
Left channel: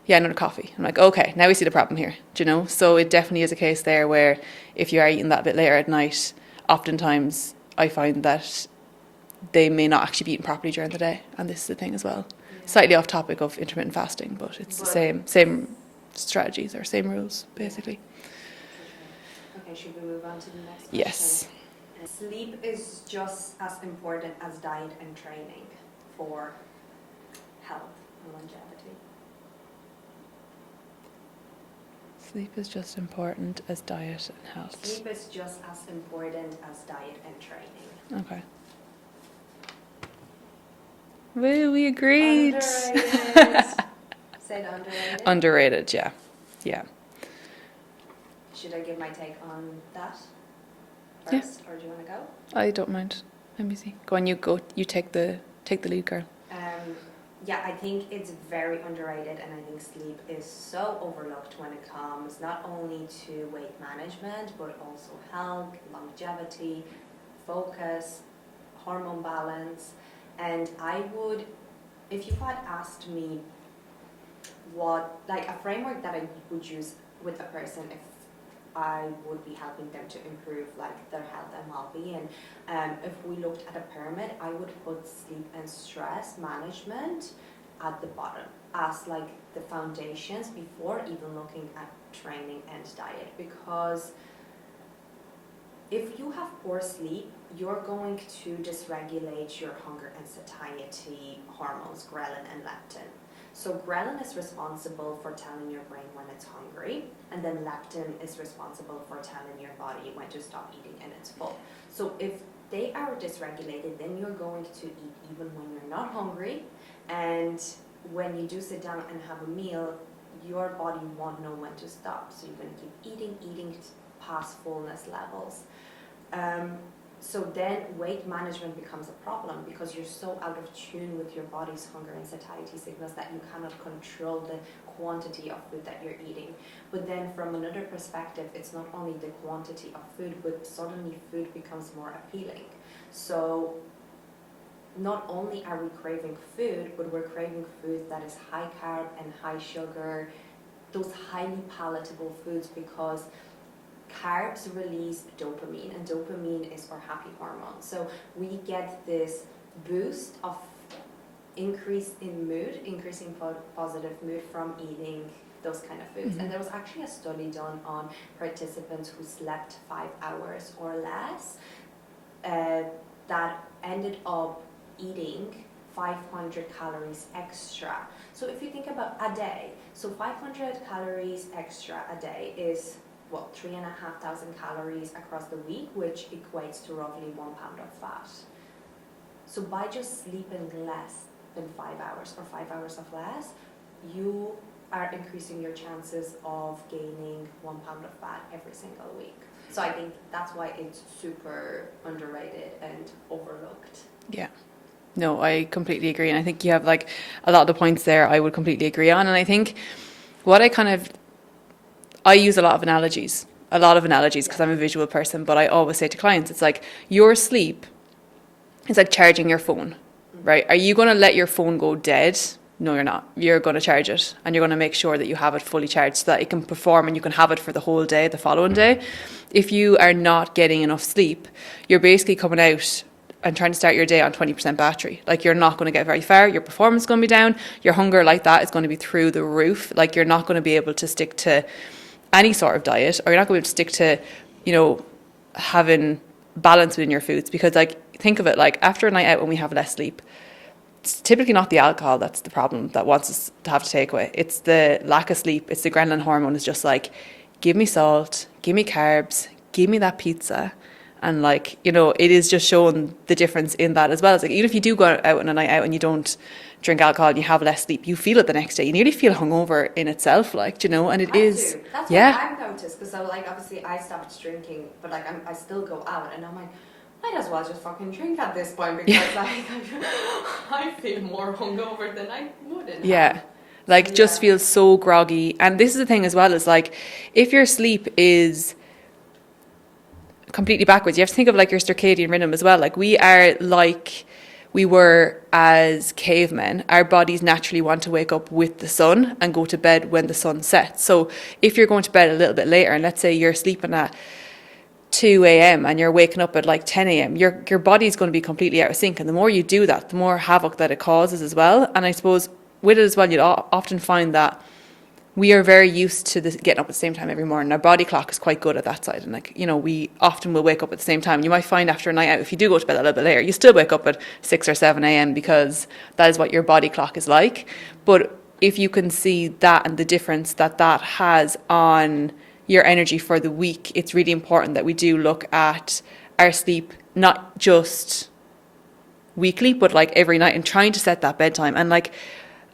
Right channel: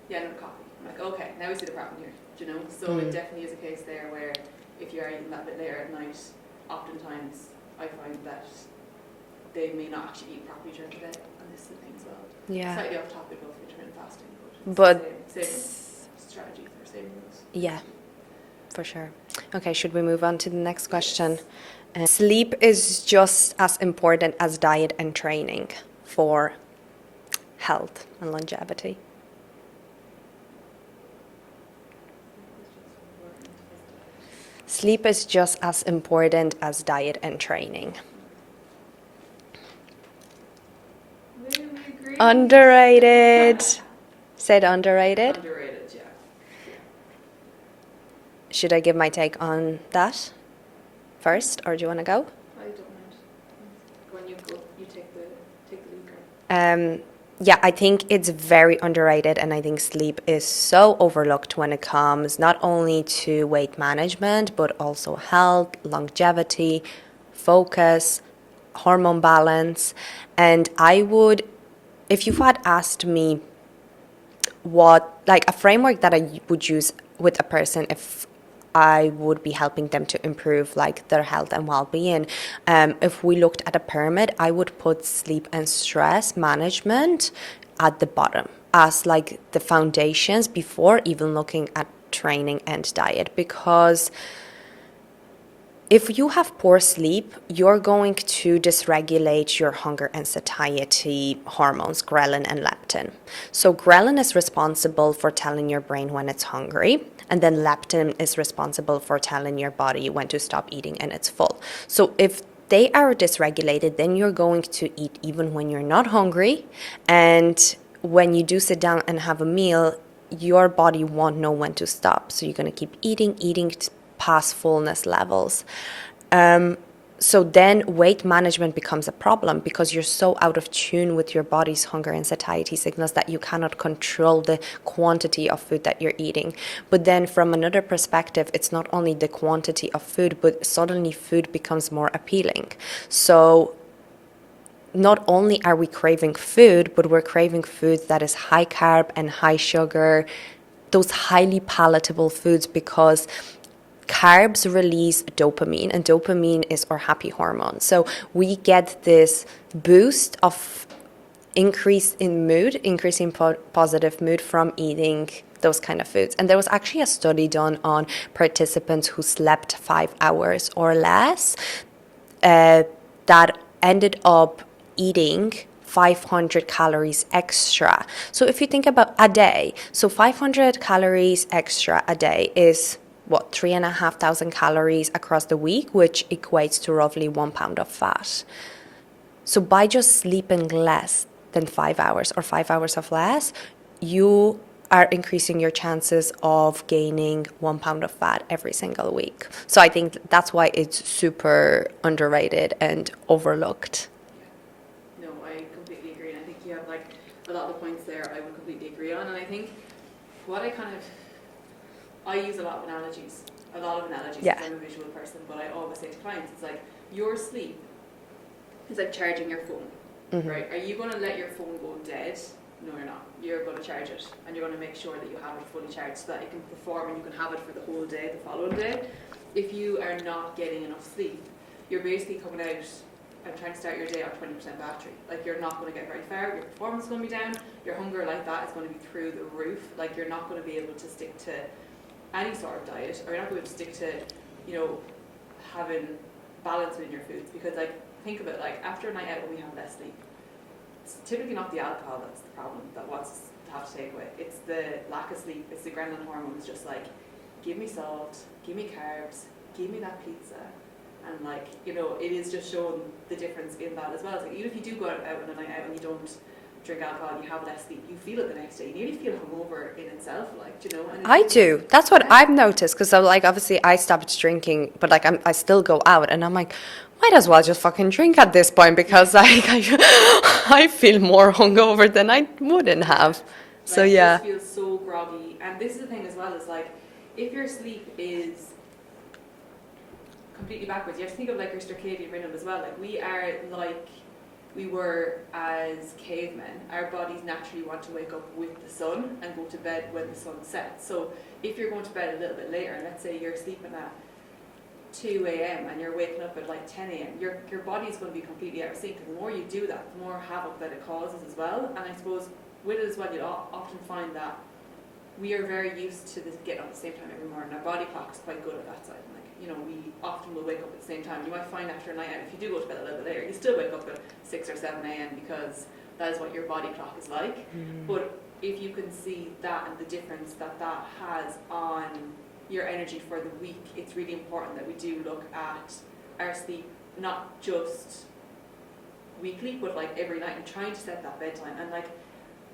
Yeah, another coffee. I'm like, okay, now we see the problem here. Do you know? So it definitely is a case there where if you are eating that a bit later at night, oftentimes I find that they may not actually be eating properly during the day. And this is the thing as well. Yeah. Slightly off topic of intermittent fasting, but it's the same strategies or same rules, basically. Yeah, for sure. Okay, should we move on to the next question? Yes. Sleep is just as important as diet and training for health and longevity. Sleep is just important as diet and health. Sleep is just as important as diet and training. Okay. Woo, we agree. Underrated. Said underrated. Underrated, yeah. Yeah. Should I give my take on that first, or do you want to go? I don't mind. Let me see. Go on, you go. You take the lead, girl. Yeah, I think it's very underrated, and I think sleep is so overlooked when it comes not only to weight management, but also health, longevity, focus, hormone balance. And I would, if you had asked me what, like a framework that I would use with a person if I would be helping them to improve like their health and well-being. If we looked at a pyramid, I would put sleep and stress management at the bottom as like the foundations before even looking at training and diet, because if you have poor sleep, you're going to dysregulate your hunger and satiety hormones, ghrelin and leptin. So ghrelin is responsible for telling your brain when it's hungry, and then leptin is responsible for telling your body when to stop eating and it's full. So if they are dysregulated, then you're going to eat even when you're not hungry, and when you do sit down and have a meal, your body won't know when to stop. So you're going to keep eating past fullness levels. So then weight management becomes a problem because you're so out of tune with your body's hunger and satiety signals that you cannot control the quantity of food that you're eating. But then from another perspective, it's not only the quantity of food, but suddenly food becomes more appealing. So not only are we craving food, but we're craving food that is high carb and high sugar, those highly palatable foods, because carbs release dopamine, and dopamine is our happy hormone. So we get this boost of increase in mood, increasing positive mood from eating those kind of foods. And there was actually a study done on participants who slept 5 hours or less that ended up eating 500 calories extra. So if you think about a day, so 500 calories extra a day is what, 3,500 calories across the week, which equates to roughly 1 pound of fat. So by just sleeping less than 5 hours or 5 hours of less, you are increasing your chances of gaining 1 pound of fat every single week. So I think that's why it's super underrated and overlooked. Yeah. No, I completely agree. And I think you have like a lot of the points there I would completely agree on. And I think what I use a lot of analogies because I'm a visual person, but I always say to clients, it's like your sleep is like charging your phone, right? Are you going to let your phone go dead? No, you're not. You're going to charge it, and you're going to make sure that you have it fully charged so that it can perform and you can have it for the whole day, the following day. If you are not getting enough sleep, you're basically coming out and trying to start your day on 20% battery. Like, you're not going to get very far. Your performance is going to be down. Your hunger like that is going to be through the roof. Like, you're not going to be able to stick to any sort of diet, or you're not going to stick to, having balance within your foods. Because, like, think of it, like, after a night out when we have less sleep, it's typically not the alcohol that's the problem that wants us to have to take away. It's the lack of sleep. It's the ghrelin hormone. It's just like, give me salt, give me carbs, give me that pizza. And like, it is just showing the difference in that as well. It's like, even if you do go out on a night out and you don't drink alcohol and you have less sleep, you feel it the next day. You nearly feel hungover in itself, like, and it is. I do. That's what I've noticed, because like, obviously I stopped drinking, but like I still go out, and I'm like, might as well just fucking drink at this point, because like I feel more hungover than I wouldn't have. Like, So, just feels so groggy. And this is the thing as well, is like, if your sleep is completely backwards, you have to think of like your circadian rhythm as well. Like, we are like we were as cavemen. Our bodies naturally want to wake up with the sun and go to bed when the sun sets. So if you're going to bed a little bit later, and let's say you're sleeping at 2 a.m. and you're waking up at like 10 a.m., your body's going to be completely out of sync. And the more you do that, the more havoc that it causes as well. And I suppose with it as well, you'll often find that we are very used to getting up at the same time every morning. Our body clock is quite good at that side. And like, we often will wake up at the same time. You might find after a night out, if you do go to bed a little bit later, you still wake up at 6 or 7 a.m. because that is what your body clock is like. But if you can see that and the difference that has on your energy for the week, it's really important that we do look at our sleep, not just weekly, but like every night, and trying to set that bedtime. And like,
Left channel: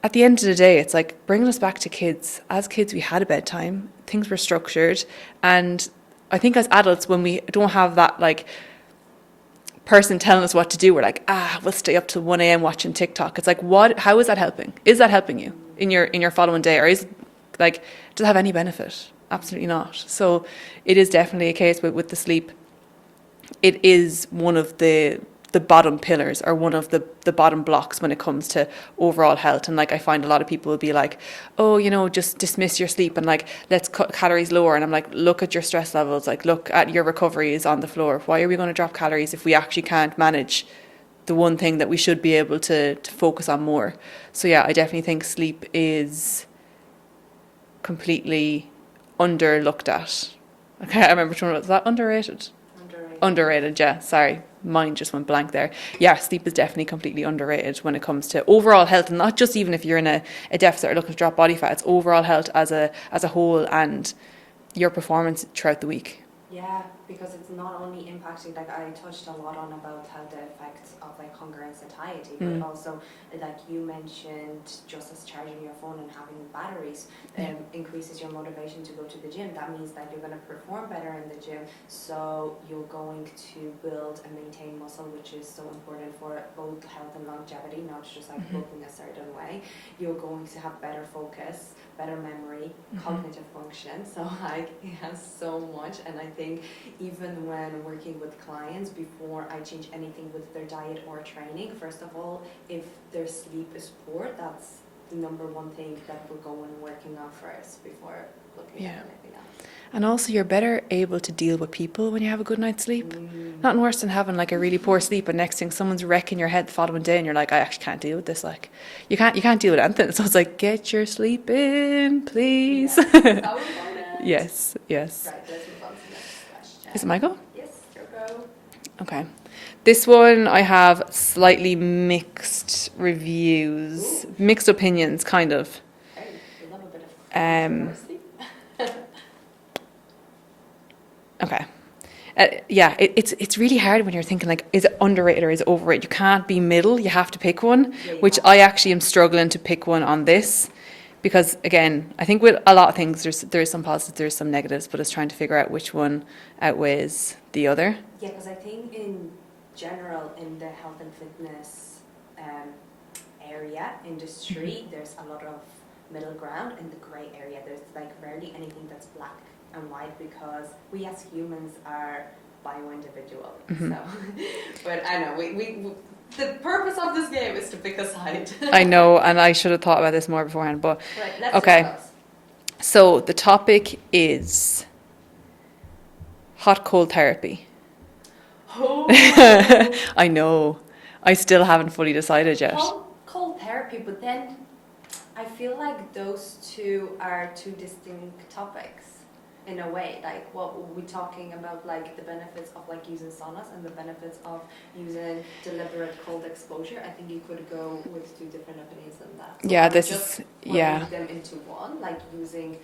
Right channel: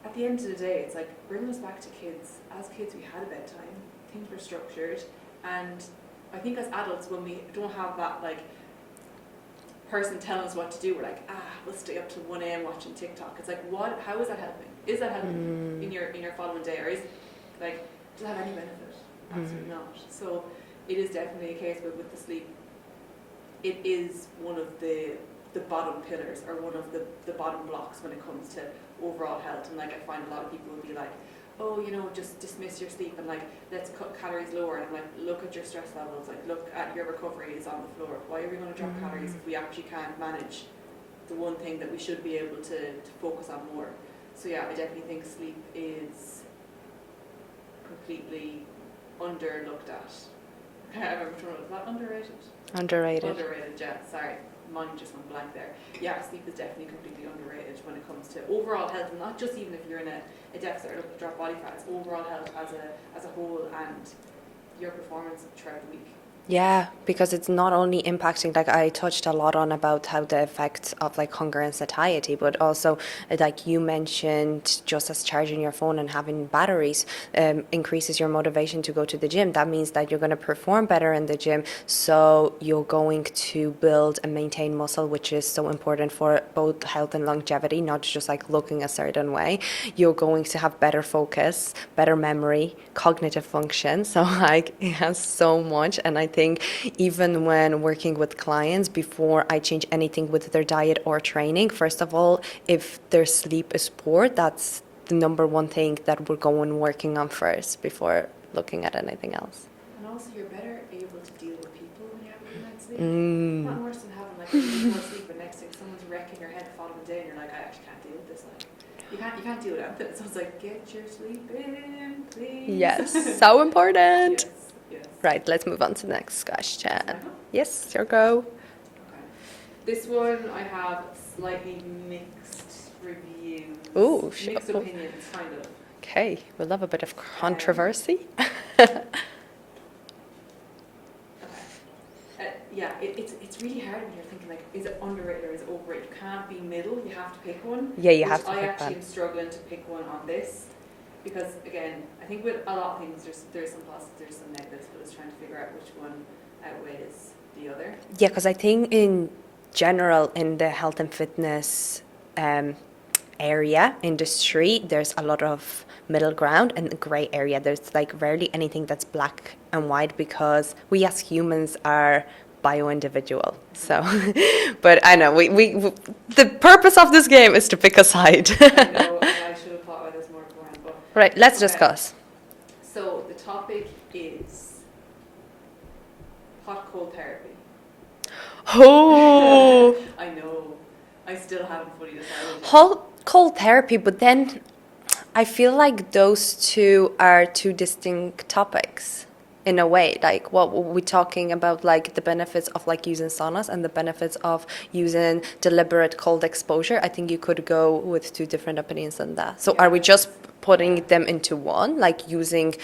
at the end of the day, it's like bringing us back to kids. As kids, we had a bedtime, things were structured. And I think as adults, when we don't have that like person telling us what to do, we're like, we'll stay up till 1 a.m. watching TikTok. It's like, how is that helping? Is that helping you in your following day? Or is like, does it have any benefit? Absolutely not. So it is definitely a case with the sleep. It is one of the the bottom pillars or one of the bottom blocks when it comes to overall health. And like I find a lot of people will be like, oh, you know, just dismiss your sleep and like let's cut calories lower. And I'm like, look at your stress levels, like look at your recovery is on the floor. Why are we going to drop calories if we actually can't manage the one thing that we should be able to focus on more? So yeah, I definitely think sleep is completely underlooked at. Okay, I remember which one was that. Underrated. Underrated, yeah. Sorry, mine just went blank there. Yeah, sleep is definitely completely underrated when it comes to overall health, and not just even if you're in a deficit or looking to drop body fat. It's overall health as a whole and your performance throughout the week. Yeah, because it's not only impacting, like I touched a lot on about how the effects of like hunger and satiety, but also like you mentioned, just as charging your phone and having batteries increases your motivation to go to the gym. That means that you're going to perform better in the gym. So you're going to build and maintain muscle, which is so important for both health and longevity, not just like looking a certain way. You're going to have better focus, better memory, cognitive function. So like it has so much. And I think even when working with clients, before I change anything with their diet or training, first of all, if their sleep is poor, that's the number one thing that we're going working on first before looking at anything else. And also, you're better able to deal with people when you have a good night's sleep. Nothing worse than having like a really poor sleep, and next thing someone's wrecking your head the following day, and you're like, I actually can't deal with this. Like, you can't deal with anything. So it's like, get your sleep in, please. Yes, so important. Yes. Right, let's move on to the next question. Is it my go? Yes, your go. Okay. This one I have slightly mixed reviews. Ooh, mixed opinions, kind of. Okay, we love a bit of controversy. Okay. Yeah, it's really hard when you're thinking like, is it underrated or is it overrated? You can't be middle. You have to pick one. Yeah, which I actually am struggling to pick one on this, because again, I think with a lot of things there's some positives, there's some negatives, but it's trying to figure out which one outweighs the other. Yeah, because I think in general in the health and fitness area industry, there's a lot of middle ground and the gray area. There's like rarely anything that's black and white, because we as humans are bio-individual. So, but I know we the purpose of this game is to pick a side. I know, and I should have thought about this more beforehand, but right, let's discuss. So the topic is hot cold therapy. Oh, I know. I still haven't fully decided yet. hot cold therapy, but then I feel like those two are two distinct topics in a way. Like what we're talking about, like the benefits of like using saunas and the benefits of using deliberate cold exposure. I think you could go with two different opinions on that. So Yeah, are we just putting them into one, like using?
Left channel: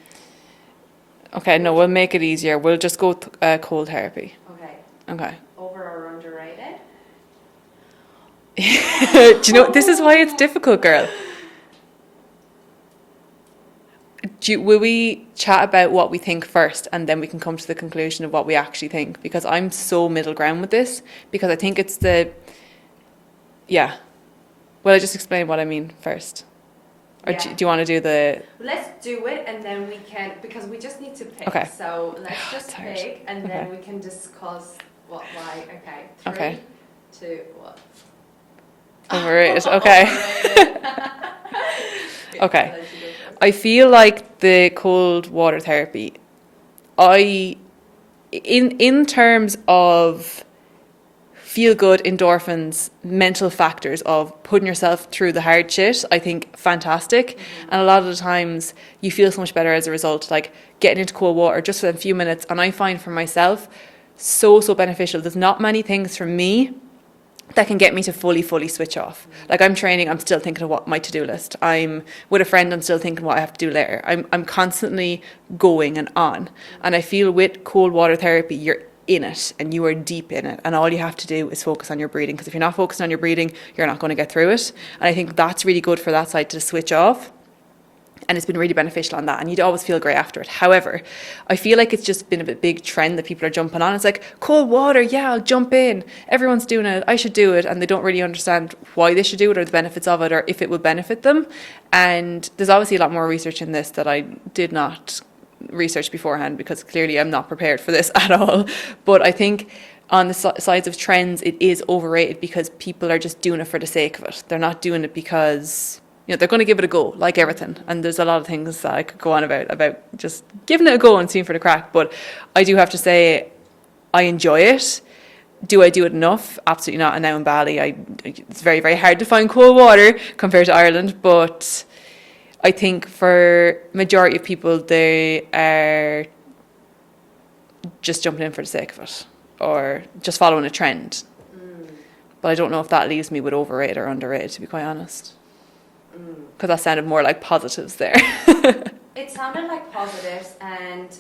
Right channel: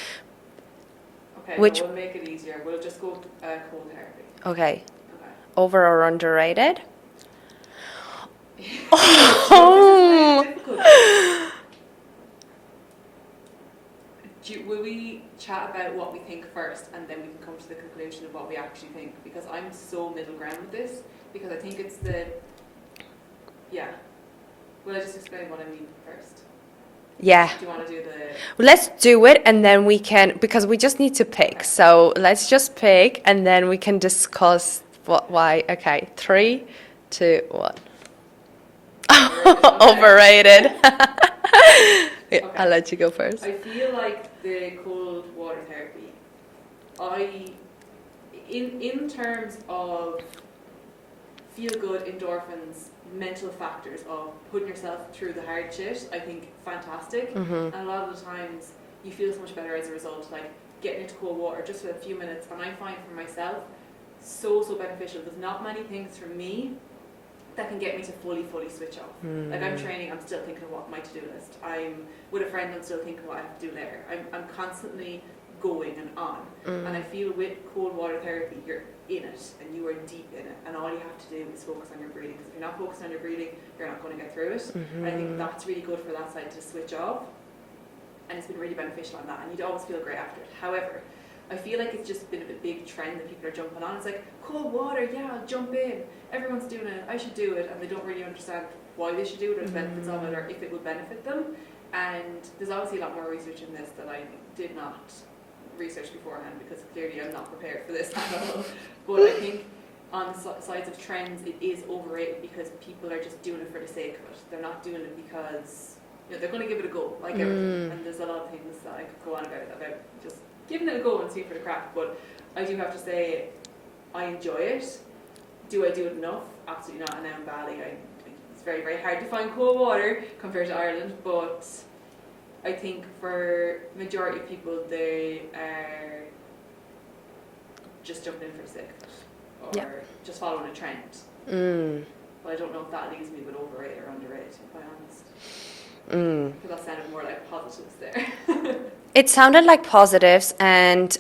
Okay, no, we'll make it easier. We'll just go with cold therapy. Okay. Okay. Over or underrated? Do you know, this is why it's difficult, girl. Will we chat about what we think first, and then we can come to the conclusion of what we actually think? Because I'm so middle ground with this, because I think it's Well, I just explain what I mean first. Yeah. Do you want to do the... Let's do it, and then we can, because we just need to pick. Okay. So let's just pick, and then we can discuss why. Okay, 3, 2, 1. Overrated. Okay. Overrated. Okay. I'll let you go first. I feel like the cold water therapy, in terms of feel good, endorphins, mental factors of putting yourself through the hard shit, I think fantastic. And a lot of the times you feel so much better as a result, like getting into cold water just for a few minutes. And I find for myself, so beneficial. There's not many things for me that can get me to fully switch off. Like I'm training, I'm still thinking of what my to-do list. I'm with a friend, I'm still thinking what I have to do later. I'm constantly going and on. And I feel with cold water therapy, you're in it and you are deep in it, and all you have to do is focus on your breathing, because if you're not focusing on your breathing, you're not going to get through it. And I think that's really good for that side to switch off. And it's been really beneficial on that, and you'd always feel great after it. However, I feel like it's just been a big trend that people are jumping on. It's like, cold water, yeah, I'll jump in. Everyone's doing it, I should do it. And they don't really understand why they should do it, or the benefits of it, or if it would benefit them. And there's obviously a lot more research in this that I did not research beforehand, because clearly I'm not prepared for this at all. But I think on the sides of trends, it is overrated because people are just doing it for the sake of it. They're not doing it because, you know, they're going to give it a go, like everything. And there's a lot of things that I could go on about just giving it a go and seeing for the crack. But I do have to say, I enjoy it. Do I do it enough? Absolutely not. And now in Bali, it's very, very hard to find cold water compared to Ireland. But I think for majority of people, they are just jumping in for the sake of it, or just following a trend. But I don't know if that leaves me with overrated or underrated, to be quite honest. Because that sounded more like positives there. It sounded like positives, and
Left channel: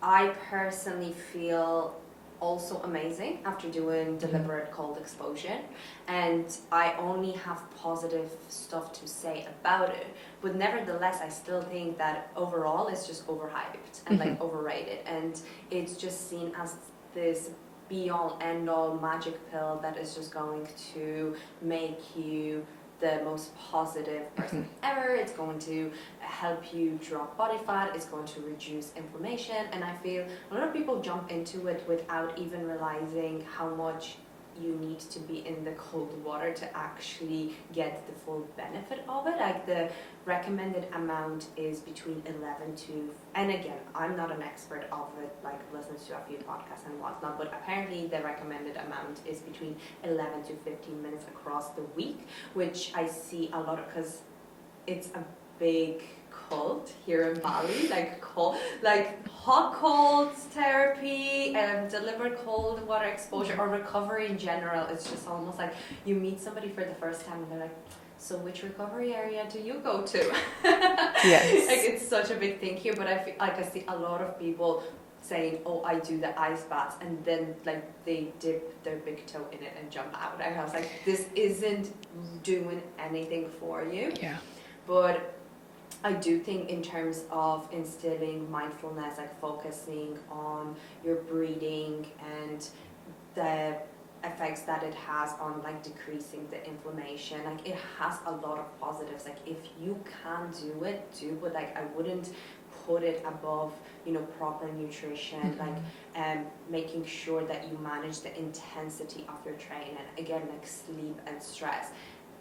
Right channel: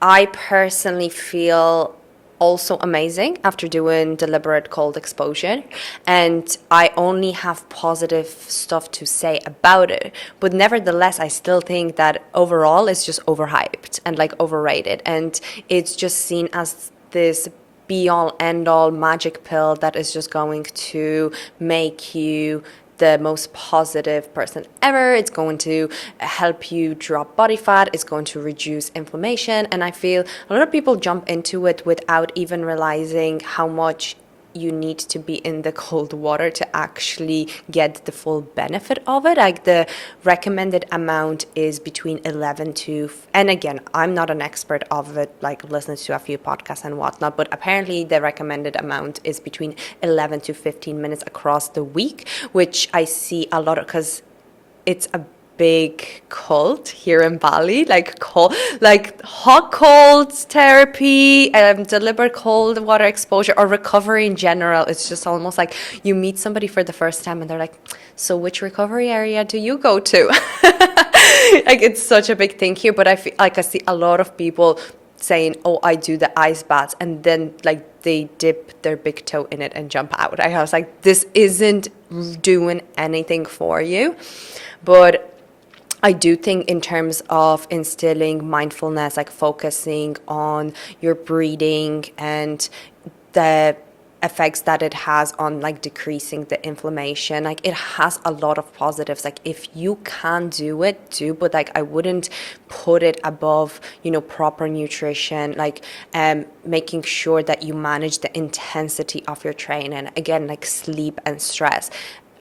I personally feel also amazing after doing deliberate cold exposure, and I only have positive stuff to say about it. But nevertheless, I still think that overall it's just overhyped and like overrated, and it's just seen as this be all end all magic pill that is just going to make you the most positive person ever. It's going to help you drop body fat. It's going to reduce inflammation. And I feel a lot of people jump into it without even realizing how much you need to be in the cold water to actually get the full benefit of it. Like the recommended amount is between 11 to, and again, I'm not an expert of it, like listening to a few podcasts and whatnot, but apparently the recommended amount is between 11 to 15 minutes across the week, which I see a lot of, because it's a big cult here in Bali, like hot cold therapy, deliberate cold water exposure, or recovery in general. It's just almost like you meet somebody for the first time and they're like, so which recovery area do you go to? Yes. Like it's such a big thing here, but I feel like I see a lot of people saying, oh, I do the ice baths, and then like they dip their big toe in it and jump out. I was like, this isn't doing anything for you. Yeah. But I do think in terms of instilling mindfulness, like focusing on your breathing and the effects that it has on like decreasing the inflammation, like it has a lot of positives. Like if you can do it, do, but like I wouldn't put it above, you know, proper nutrition, like making sure that you manage the intensity of your training, again, like sleep and stress.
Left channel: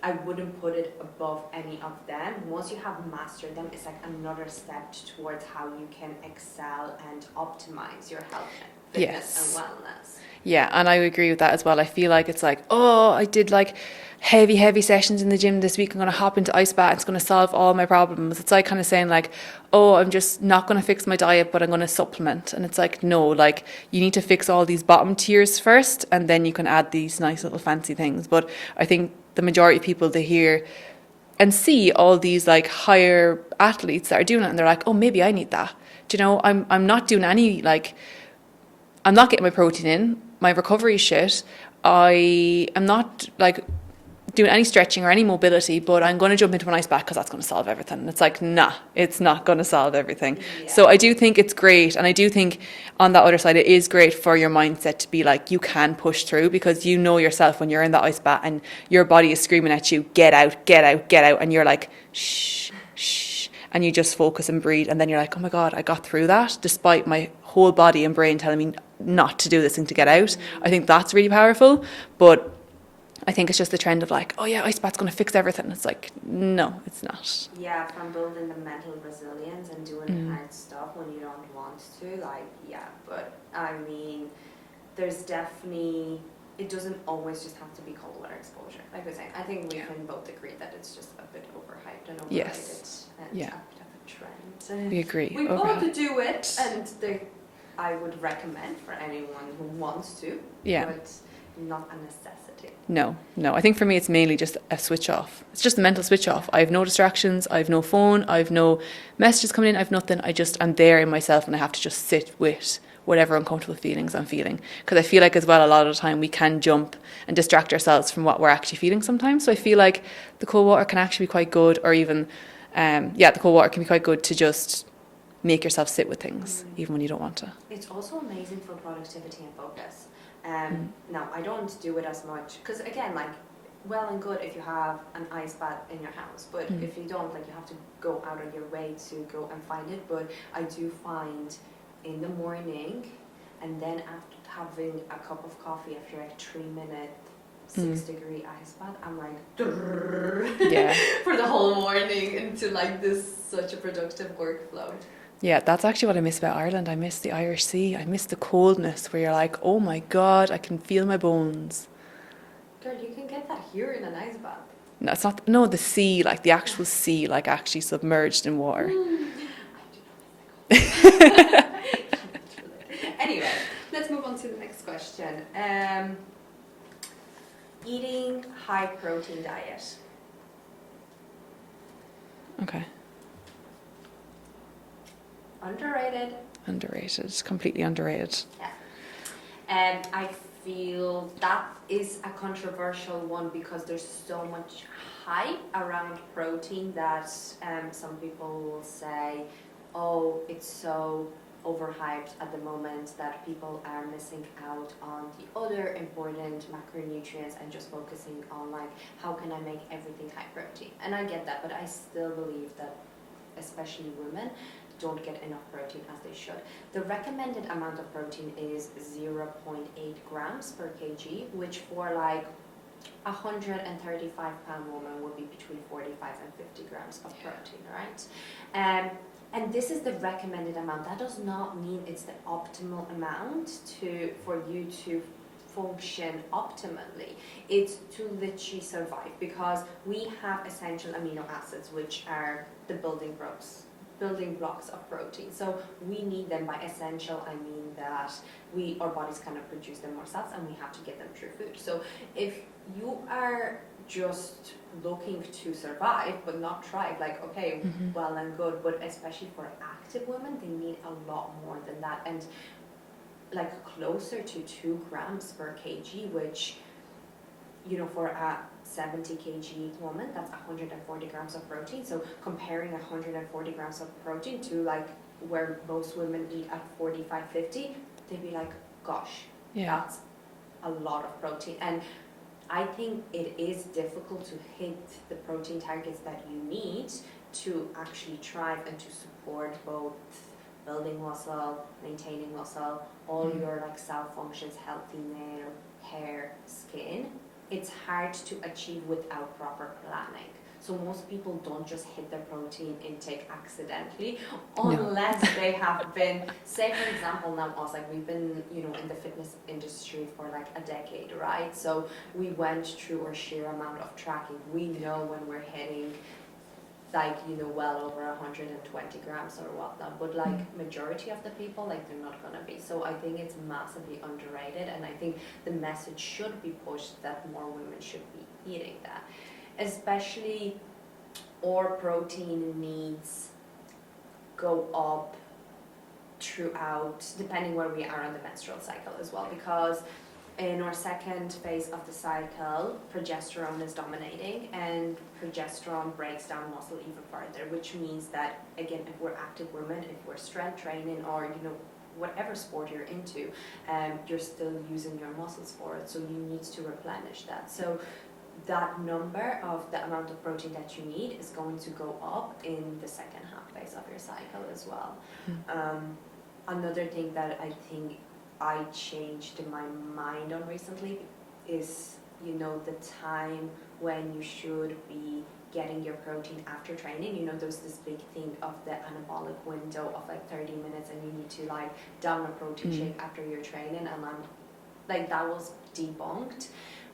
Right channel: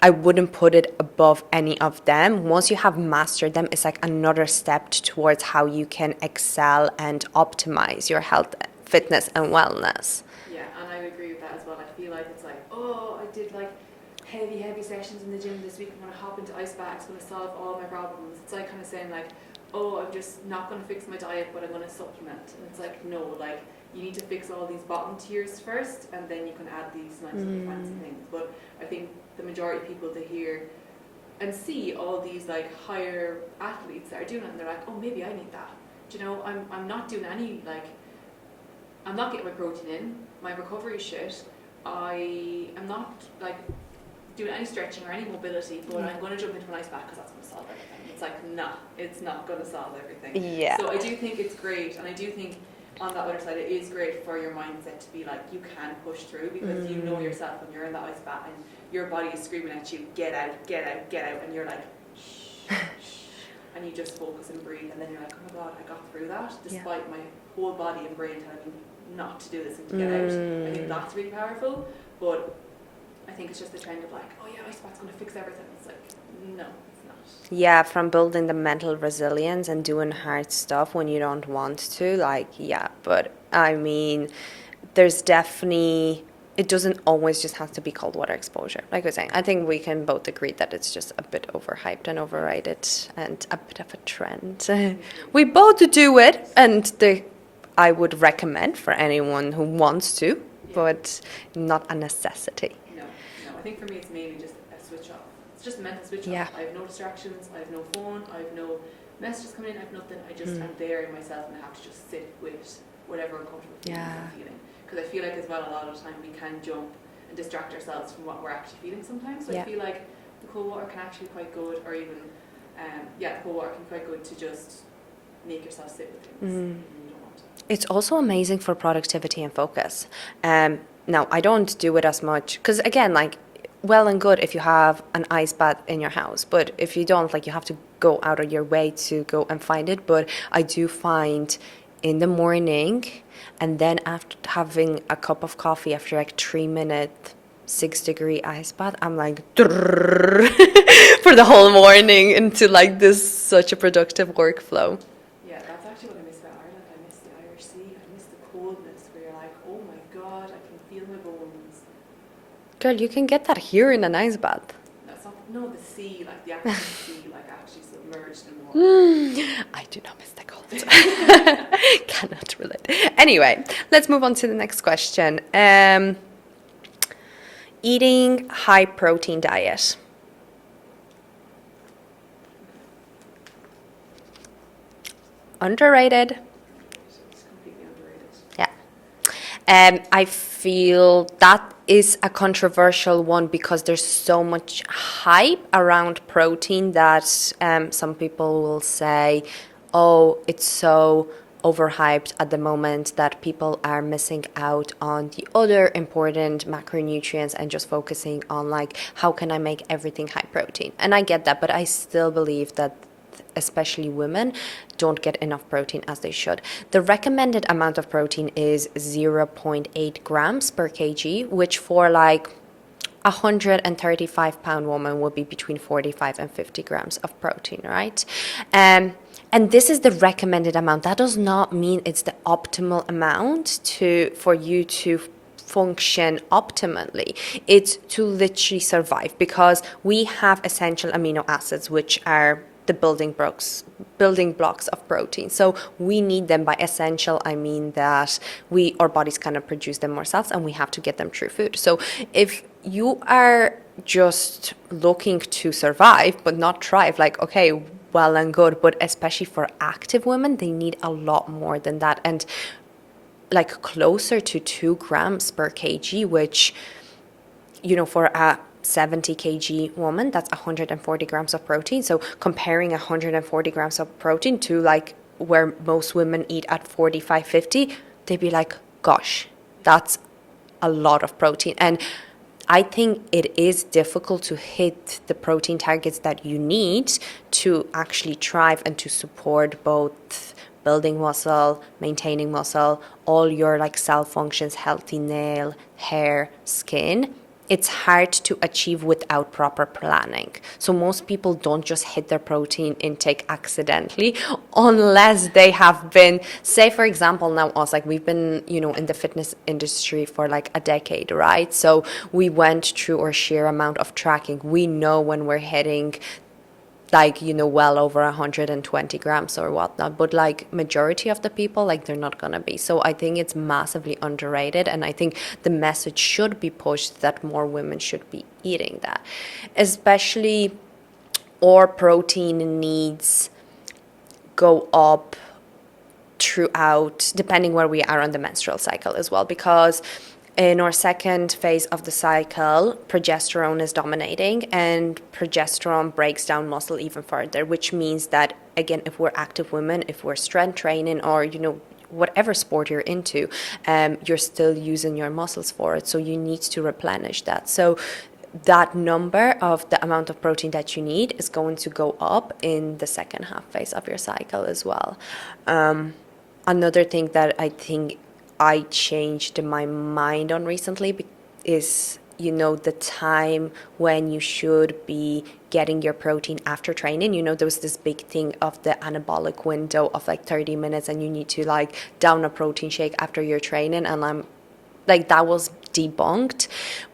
I wouldn't put it above any of them. Once you have mastered them, it's like another step towards how you can excel and optimize your health, fitness, and wellness. Yeah, and I agree with that as well. I feel like it's like, oh, I did like heavy sessions in the gym this week. I'm going to hop into ice bath. It's going to solve all my problems. It's like kind of saying like, oh, I'm just not going to fix my diet, but I'm going to supplement. And it's like, no, like you need to fix all these bottom tiers first, and then you can add these nice little fancy things. But I think the majority of people, they hear and see all these like higher athletes that are doing it, and they're like, oh, maybe I need that. Do you know, I'm not doing any, like, I'm not getting my protein in, my recovery is shit, I am not like doing any stretching or any mobility, but I'm going to jump into an ice bath because that's going to solve everything. And it's like, nah, it's not going to solve everything. Yeah. So I do think it's great, and I do think on that other side it is great for your mindset to be like, you can push through, because you know yourself when you're in that ice bath and your body is screaming at you, get out, and you're like, shh, and you just focus and breathe, and then you're like, oh my God, I got through that despite my whole body and brain telling me not to do this and to get out. I think that's really powerful. But I think it's just the trend of like, oh yeah, ice bath's going to fix everything. It's like, no, it's not. Yeah, from building the mental resilience and doing hard stuff when you don't want to, like, yeah. But I mean, there's definitely, it doesn't always just have to be cold water exposure. Like we're saying, I think we can both agree that it's just a bit overhyped and overrated and a bit of a trend. We agree. We both do it, and I would recommend for anyone who wants to. Yeah. But not a necessity. No. I think for me, it's mainly just a switch off. It's just a mental switch off. I have no distractions. I have no phone. I have no messages coming in. I have nothing. I just am there in myself, and I have to just sit with whatever uncomfortable feelings I'm feeling. Because I feel like as well, a lot of the time we can jump and distract ourselves from what we're actually feeling sometimes. So I feel like the cold water can actually be quite good, or even, the cold water can be quite good to just make yourself sit with things even when you don't want to. It's also amazing for productivity and focus. Now, I don't do it as much because, again, like, well and good if you have an ice bath in your house, but if you don't, like, you have to go out of your way to go and find it. But I do find in the morning, and then after having a cup of coffee after like 3 minute 6-degree ice bath, I'm like for the whole morning into like this such a productive workflow. Yeah, that's actually what I miss about Ireland. I miss the Irish Sea. I miss the coldness where you're like, oh my God, I can feel my bones. Girl, you can get that here in an ice bath. No, it's not, no, the sea, like the actual sea, like actually submerged in water. I do not miss the cold. Cannot relate. Anyway, let's move on to the next question. Eating high protein diet. Okay. Underrated. Underrated, completely underrated. Yeah. I feel that is a controversial one because there's so much hype around protein that some people will say, oh, it's so overhyped at the moment that people are missing out on the other important macronutrients and just focusing on like, how can I make everything high protein? And I get that, but I still believe that especially women don't get enough protein as they should. The recommended amount of protein is 0.8 grams per kg, which for like 135-pound woman would be between 45 and 50 grams of protein, right? And this is the recommended amount. That does not mean it's the optimal amount for you to function optimally. It's to literally survive, because we have essential amino acids, which are the building blocks of protein. So we need them. By essential, I mean that our bodies kind of produce them ourselves, and we have to get them through food. So if you are just looking to survive but not thrive, like, okay, well and good, but especially for active women, they need a lot more than that, and like closer to 2 grams per kg, which, for a 70 kg woman, that's 140 grams of protein. So comparing 140 grams of protein to like where most women eat at 45, 50, they'd be like, gosh, that's a lot of protein. And I think it is difficult to hit the protein targets that you need to actually thrive and to support both building muscle, maintaining muscle, all your like cell functions, healthy nail, hair, skin. It's hard to achieve without proper planning. So most people don't just hit their protein intake accidentally unless they have been, say for example, now us, like we've been, in the fitness industry for like a decade, right? So we went through our sheer amount of tracking. We know when we're hitting like, well over 120 grams or whatnot, but like majority of the people, like they're not gonna be. So I think it's massively underrated, and I think the message should be pushed that more women should be eating that. Especially our protein needs go up throughout, depending where we are on the menstrual cycle as well, because in our second phase of the cycle, progesterone is dominating, and progesterone breaks down muscle even further, which means that, again, if we're active women, if we're strength training or, whatever sport you're into, you're still using your muscles for it. So you need to replenish that. So that number of the amount of protein that you need is going to go up in the second half phase of your cycle as well. Another thing that I think I changed my mind on recently is, the time when you should be getting your protein after training. There was this big thing of the anabolic window of like 30 minutes and you need to like down a protein shake after your training. And I'm like, that was debunked.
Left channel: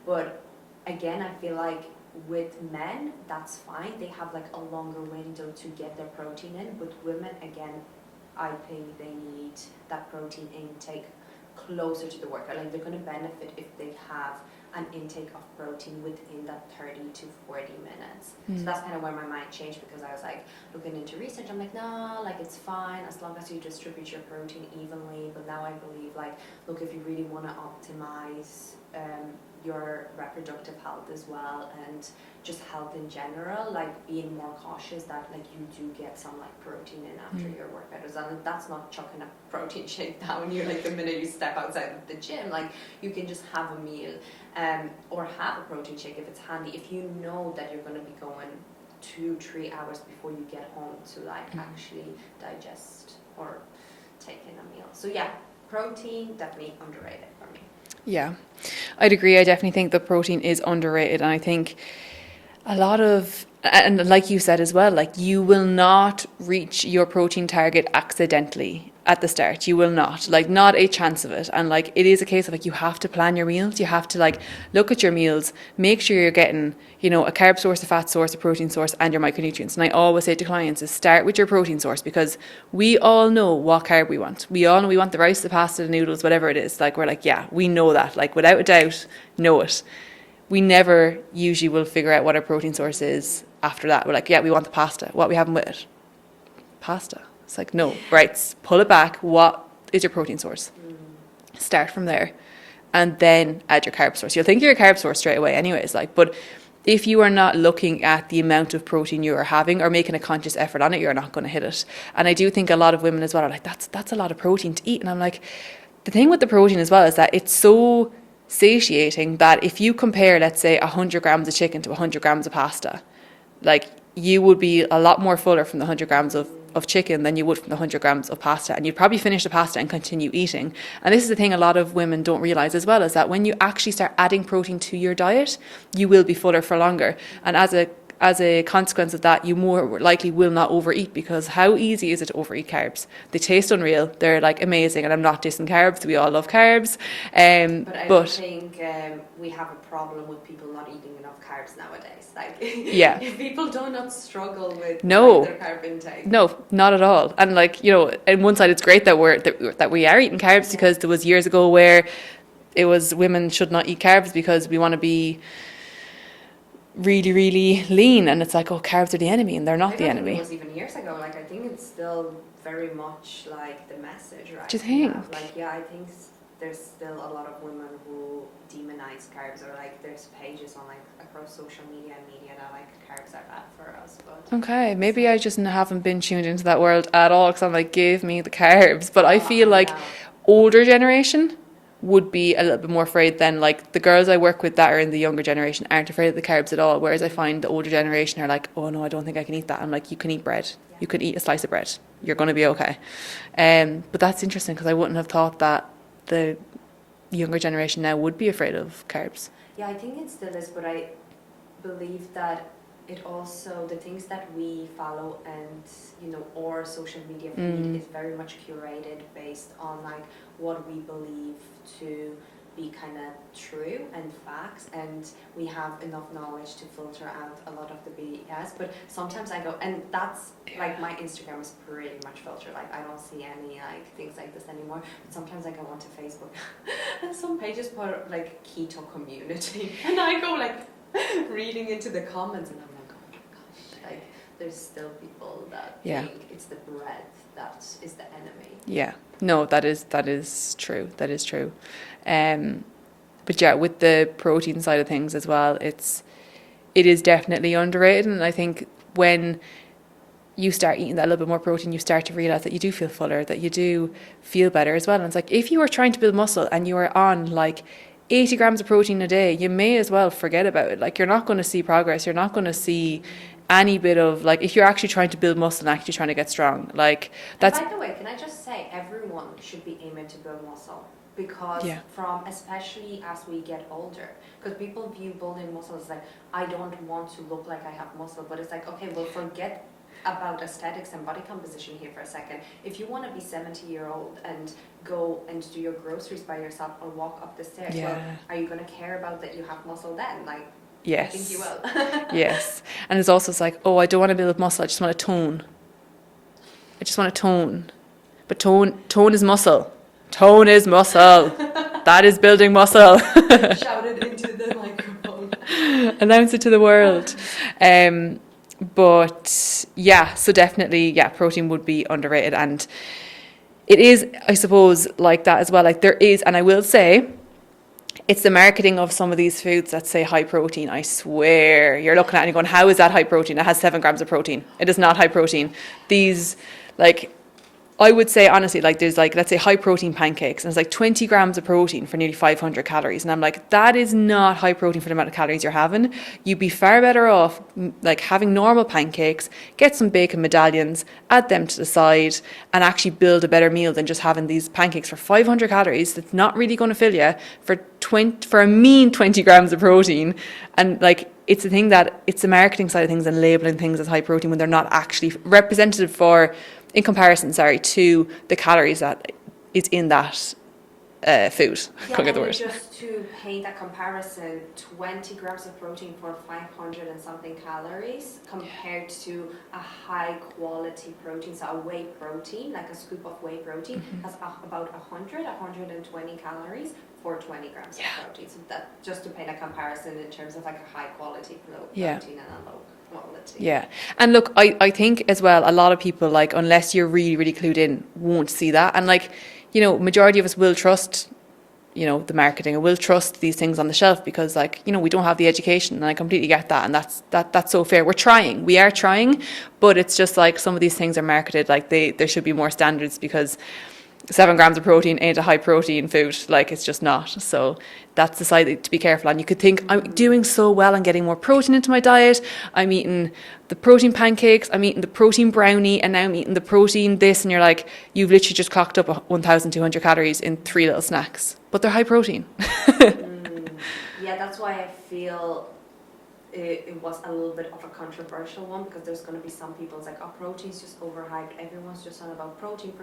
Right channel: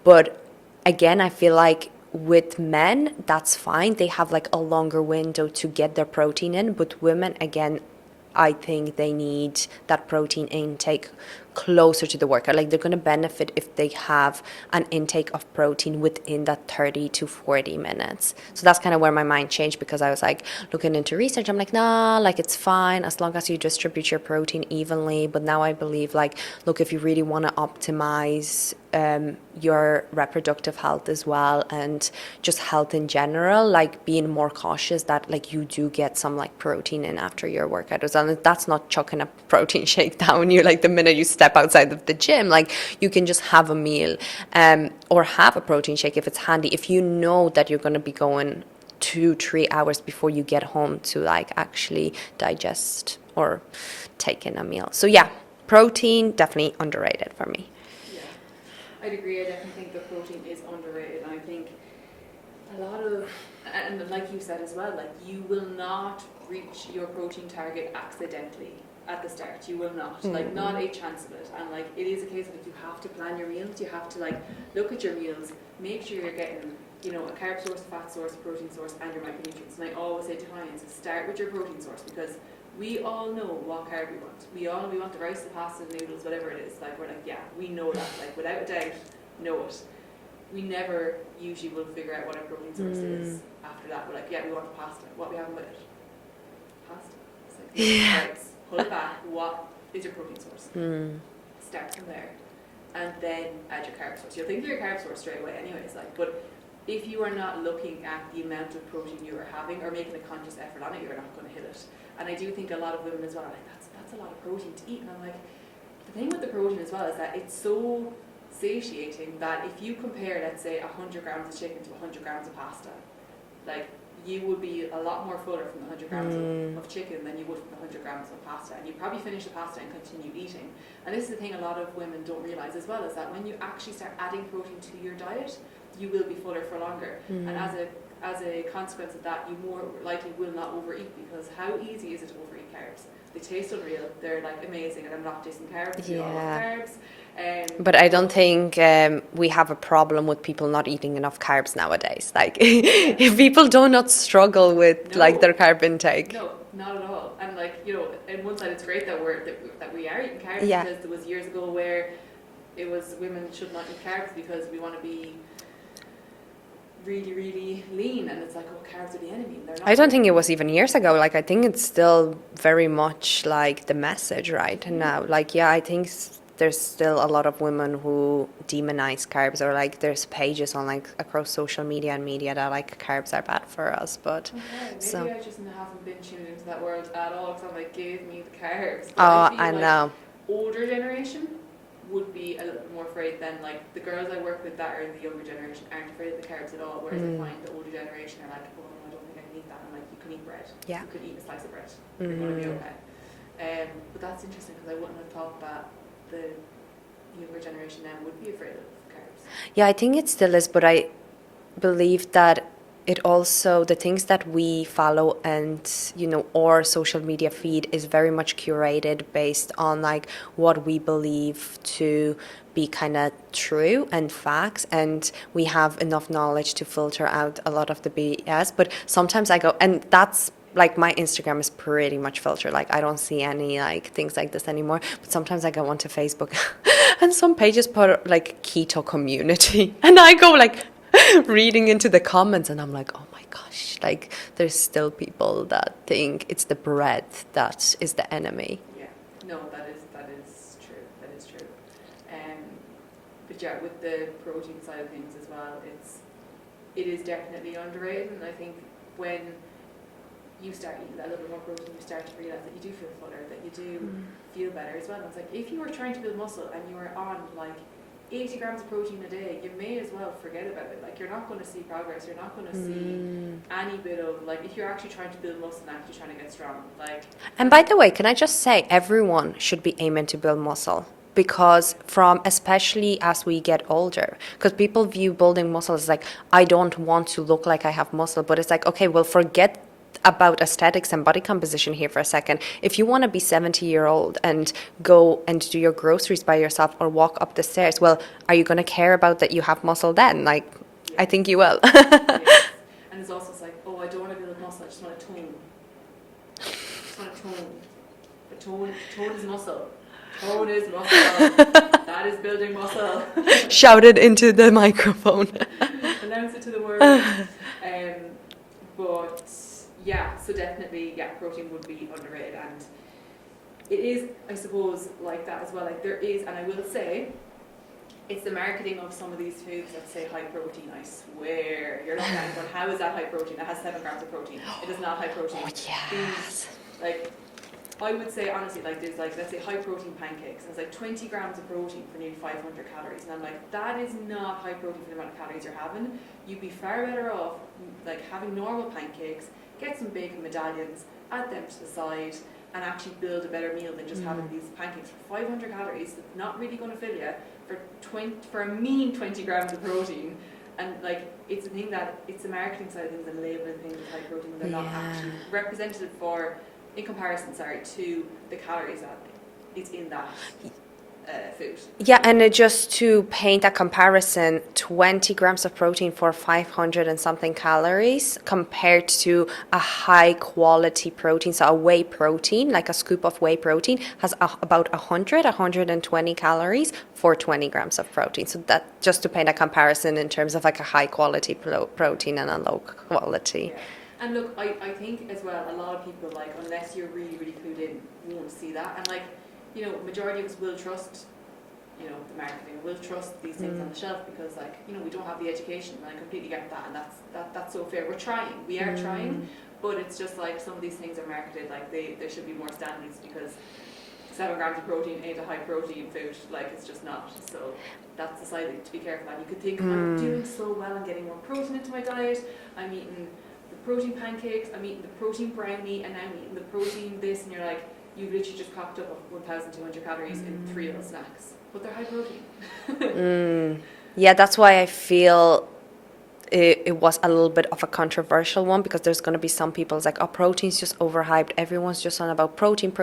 But again, I feel like with men, that's fine. They have like a longer window to get their protein in. But women, again, I think they need that protein intake closer to the workout. Like they're going to benefit if they have an intake of protein within that 30 to 40 minutes. So that's kind of where my mind changed, because I was like looking into research. I'm like, nah, like it's fine as long as you distribute your protein evenly. But now I believe like, look, if you really want to optimize your reproductive health as well, and just health in general, like being more cautious that like you do get some like protein in after your workout as well. And that's not chucking a protein shake down you like the minute you step outside of the gym. Like you can just have a meal or have a protein shake if it's handy, if you know that you're going to be going 2-3 hours before you get home to like actually digest or take in a meal. So yeah, protein definitely underrated for me. Yeah, I'd agree. I definitely think the protein is underrated. And I think a lot of, and like you said as well, like you will not reach your protein target accidentally at the start. You will not, like not a chance of it. And like it is a case of like you have to plan your meals. You have to like look at your meals, make sure you're getting, you know, a carb source, a fat source, a protein source, and your micronutrients. And I always say to clients is start with your protein source, because we all know what carb we want. We all know we want the rice, the pasta, the noodles, whatever it is. Like we're like, yeah, we know that. Like without a doubt, know it. We never usually will figure out what our protein source is after that. We're like, yeah, we want the pasta. What are we having with it? Pasta. It's like, no, right, pull it back. What is your protein source? Start from there. And then add your carb source. You'll think you're a carb source straight away anyways. Like, but if you are not looking at the amount of protein you are having or making a conscious effort on it, you're not going to hit it. And I do think a lot of women as well are like, that's a lot of protein to eat. And I'm like, the thing with the protein as well is that it's so satiating that if you compare, let's say, 100 grams of chicken to 100 grams of pasta, like you would be a lot more fuller from the 100 grams of chicken than you would from the 100 grams of pasta. And you'd probably finish the pasta and continue eating. And this is the thing a lot of women don't realize as well, is that when you actually start adding protein to your diet, you will be fuller for longer. And as a consequence of that, you more likely will not overeat, because how easy is it to overeat carbs? They taste unreal. They're like amazing. And I'm not dissing carbs. We all love carbs. But I don't think we have a problem with people not eating enough carbs nowadays. Like, if people do not struggle with like their carb intake. No, not at all. And like, you know, on one side, it's great that we are eating carbs, because there was years ago where it was women should not eat carbs because we want to be really, really lean, and it's like, oh, carbs are the enemy, and they're not. I don't think it was even years ago. Like, I think it's still very much like the message right now. Like, yeah, I think there's still a lot of women who demonize carbs, or like there's pages on like across social media and media that like carbs are bad for us. But okay, maybe I just haven't been tuned into that world at all, because I'm like, give me the carbs. But I feel like older generation would be a little bit more afraid than like the girls I work with that are in the younger generation aren't afraid of the carbs at all, whereas I find the older generation are like, oh no, I don't think I can eat that. I'm like, you can eat bread, you can eat a slice of bread, you're going to be okay. But that's interesting, because I wouldn't have thought that the younger generation now would be afraid of carbs. Yeah, I think it still is, but I believe that it also, the things that we follow and, you know, our social media feed is very much curated based on like what we believe to be kind of true and facts, and we have enough knowledge to filter out a lot of the BS. But sometimes I go, and that's like my Instagram is pretty much filtered. Like I don't see any like things like this anymore. But sometimes I go onto Facebook and some pages put like keto community, and I go like reading into the comments, and I'm like, oh my gosh, like there's still people that think it's the bread that is the enemy. Yeah, no, that is true. That is true. But yeah, with the protein side of things as well, it is definitely underrated. And I think when you start eating that a little bit more protein, you start to realize that you do feel fuller, that you do feel better as well. And it's like, if you are trying to build muscle and you are on like 80 grams of protein a day, you may as well forget about it. Like, you're not going to see progress. You're not going to see any bit of, like, if you're actually trying to build muscle and actually trying to get strong. Like, and by the way, can I just say, everyone should be aiming to build muscle. Because from, especially as we get older, because people view building muscle as like, I don't want to look like I have muscle. But it's like, okay, well, forget about aesthetics and body composition here for a second. If you want to be 70-year-old and go and do your groceries by yourself or walk up the stairs, well, are you going to care about that you have muscle then? Like, I think you will. Yes. And it's also like, oh, I don't want to build muscle. I just want to tone. I just want to tone. But tone is muscle. Tone is muscle. That is building muscle. Shout it into the microphone. Announce it to the world. But yeah, so definitely, protein would be underrated. And it is, I suppose, like that as well. Like, there is, and I will say, it's the marketing of some of these foods that say high protein. I swear, you're looking at it and going, how is that high protein? It has 7 grams of protein. It is not high protein. These, like, I would say honestly, like there's like, let's say high protein pancakes, and it's like 20 grams of protein for nearly 500 calories. And I'm like, that is not high protein for the amount of calories you're having. You'd be far better off like having normal pancakes, get some bacon medallions, add them to the side, and actually build a better meal than just having these pancakes for 500 calories. That's not really going to fill you for a mean 20 grams of protein. And like, it's the thing that it's the marketing side of things and labeling things as high protein when they're not actually representative in comparison, to the calories that is in that food. Yeah, and just to paint a comparison, 20 grams of protein for 500 and something calories compared to a high quality protein. So a whey protein, like a scoop of whey protein, has about 120 calories for 20 grams of protein. So that just to paint a comparison in terms of like a high quality protein and a low quality. Yeah. And look, I think as well, a lot of people, like, unless you're really, really clued in, won't see that. And like, you know, majority of us will trust, you know, the marketing, and will trust these things on the shelf because, like, you know, we don't have the education, and I completely get that, and that's so fair. We are trying, but it's just like some of these things are marketed like there should be more standards because 7 grams of protein ain't a high protein food, like it's just not. So that's the side to be careful on. You could think, I'm doing so well and getting more protein into my diet. I'm eating the protein pancakes, I'm eating the protein brownie, and now I'm eating the protein this, and you're like, you've literally just clocked up 1,200 calories in 3 little snacks, but they're high protein. Yeah, that's why I feel it was a little bit of a controversial one, because there's going to be some people like, oh, protein's just overhyped. Everyone's just on about protein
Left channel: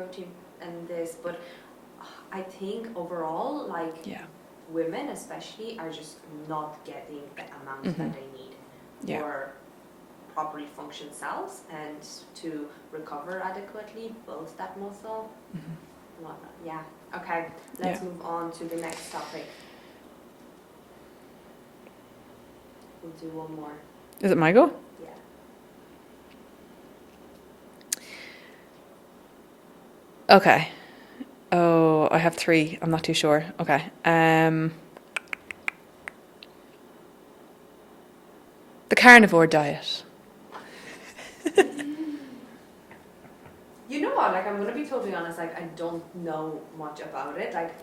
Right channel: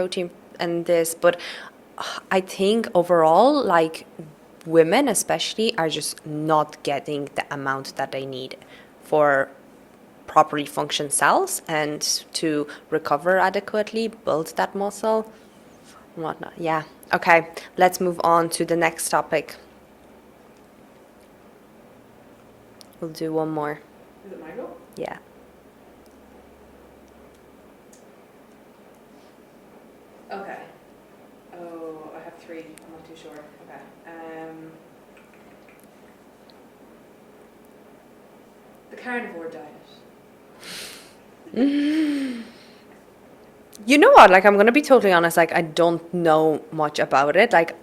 and this. But I think overall, like, women especially are just not getting the amount that they need for properly function cells and to recover adequately, build that muscle, and whatnot. Yeah. Okay, let's move on to the next topic. We'll do one more. Is it my go? Yeah. Okay. Oh, I have 3. I'm not too sure. Okay. The carnivore diet. You know what? Like, I'm gonna be totally honest. Like, I don't know much about it. Like,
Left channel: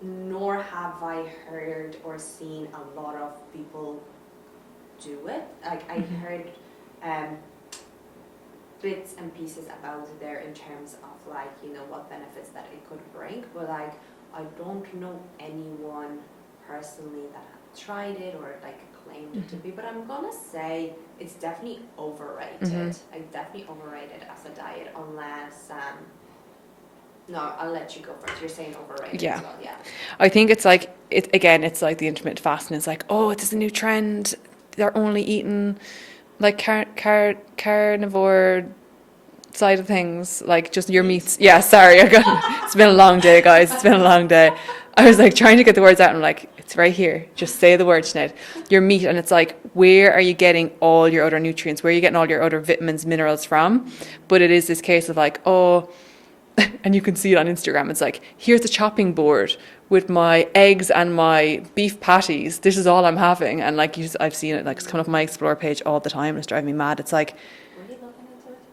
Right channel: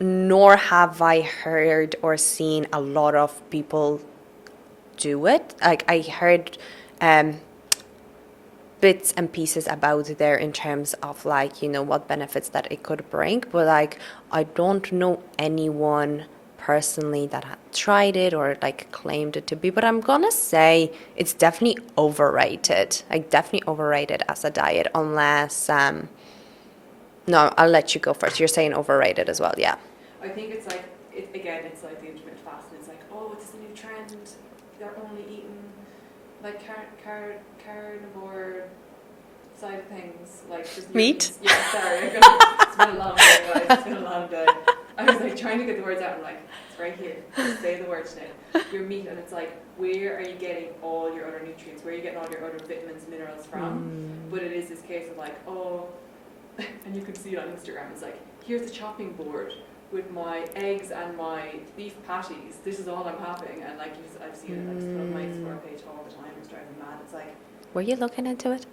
nor have I heard or seen a lot of people do it. Like, I heard bits and pieces about there in terms of, like, you know, what benefits that it could bring, but like, I don't know anyone personally that had tried it or like claimed it to be. But I'm gonna say it's definitely overrated. Like, definitely overrated as a diet, unless no, I'll let you go first. You're saying overrated as well. Yeah, I think it's like it's like the intermittent fasting. It's like, oh, it's a new trend. They're only eating like carnivore side of things, like just your meat. Yeah, sorry, it's been a long day, guys. It's been a long day. I was like trying to get the words out, and I'm like, it's right here. Just say the word, Sinead. Your meat, and it's like, where are you getting all your other nutrients? Where are you getting all your other vitamins, minerals from? But it is this case of like, oh, and you can see it on Instagram. It's like, here's the chopping board with my eggs and my beef patties. This is all I'm having. And like, I've seen it, like, it's coming up on my Explore page all the time. It's driving me mad. It's like, were you looking into it?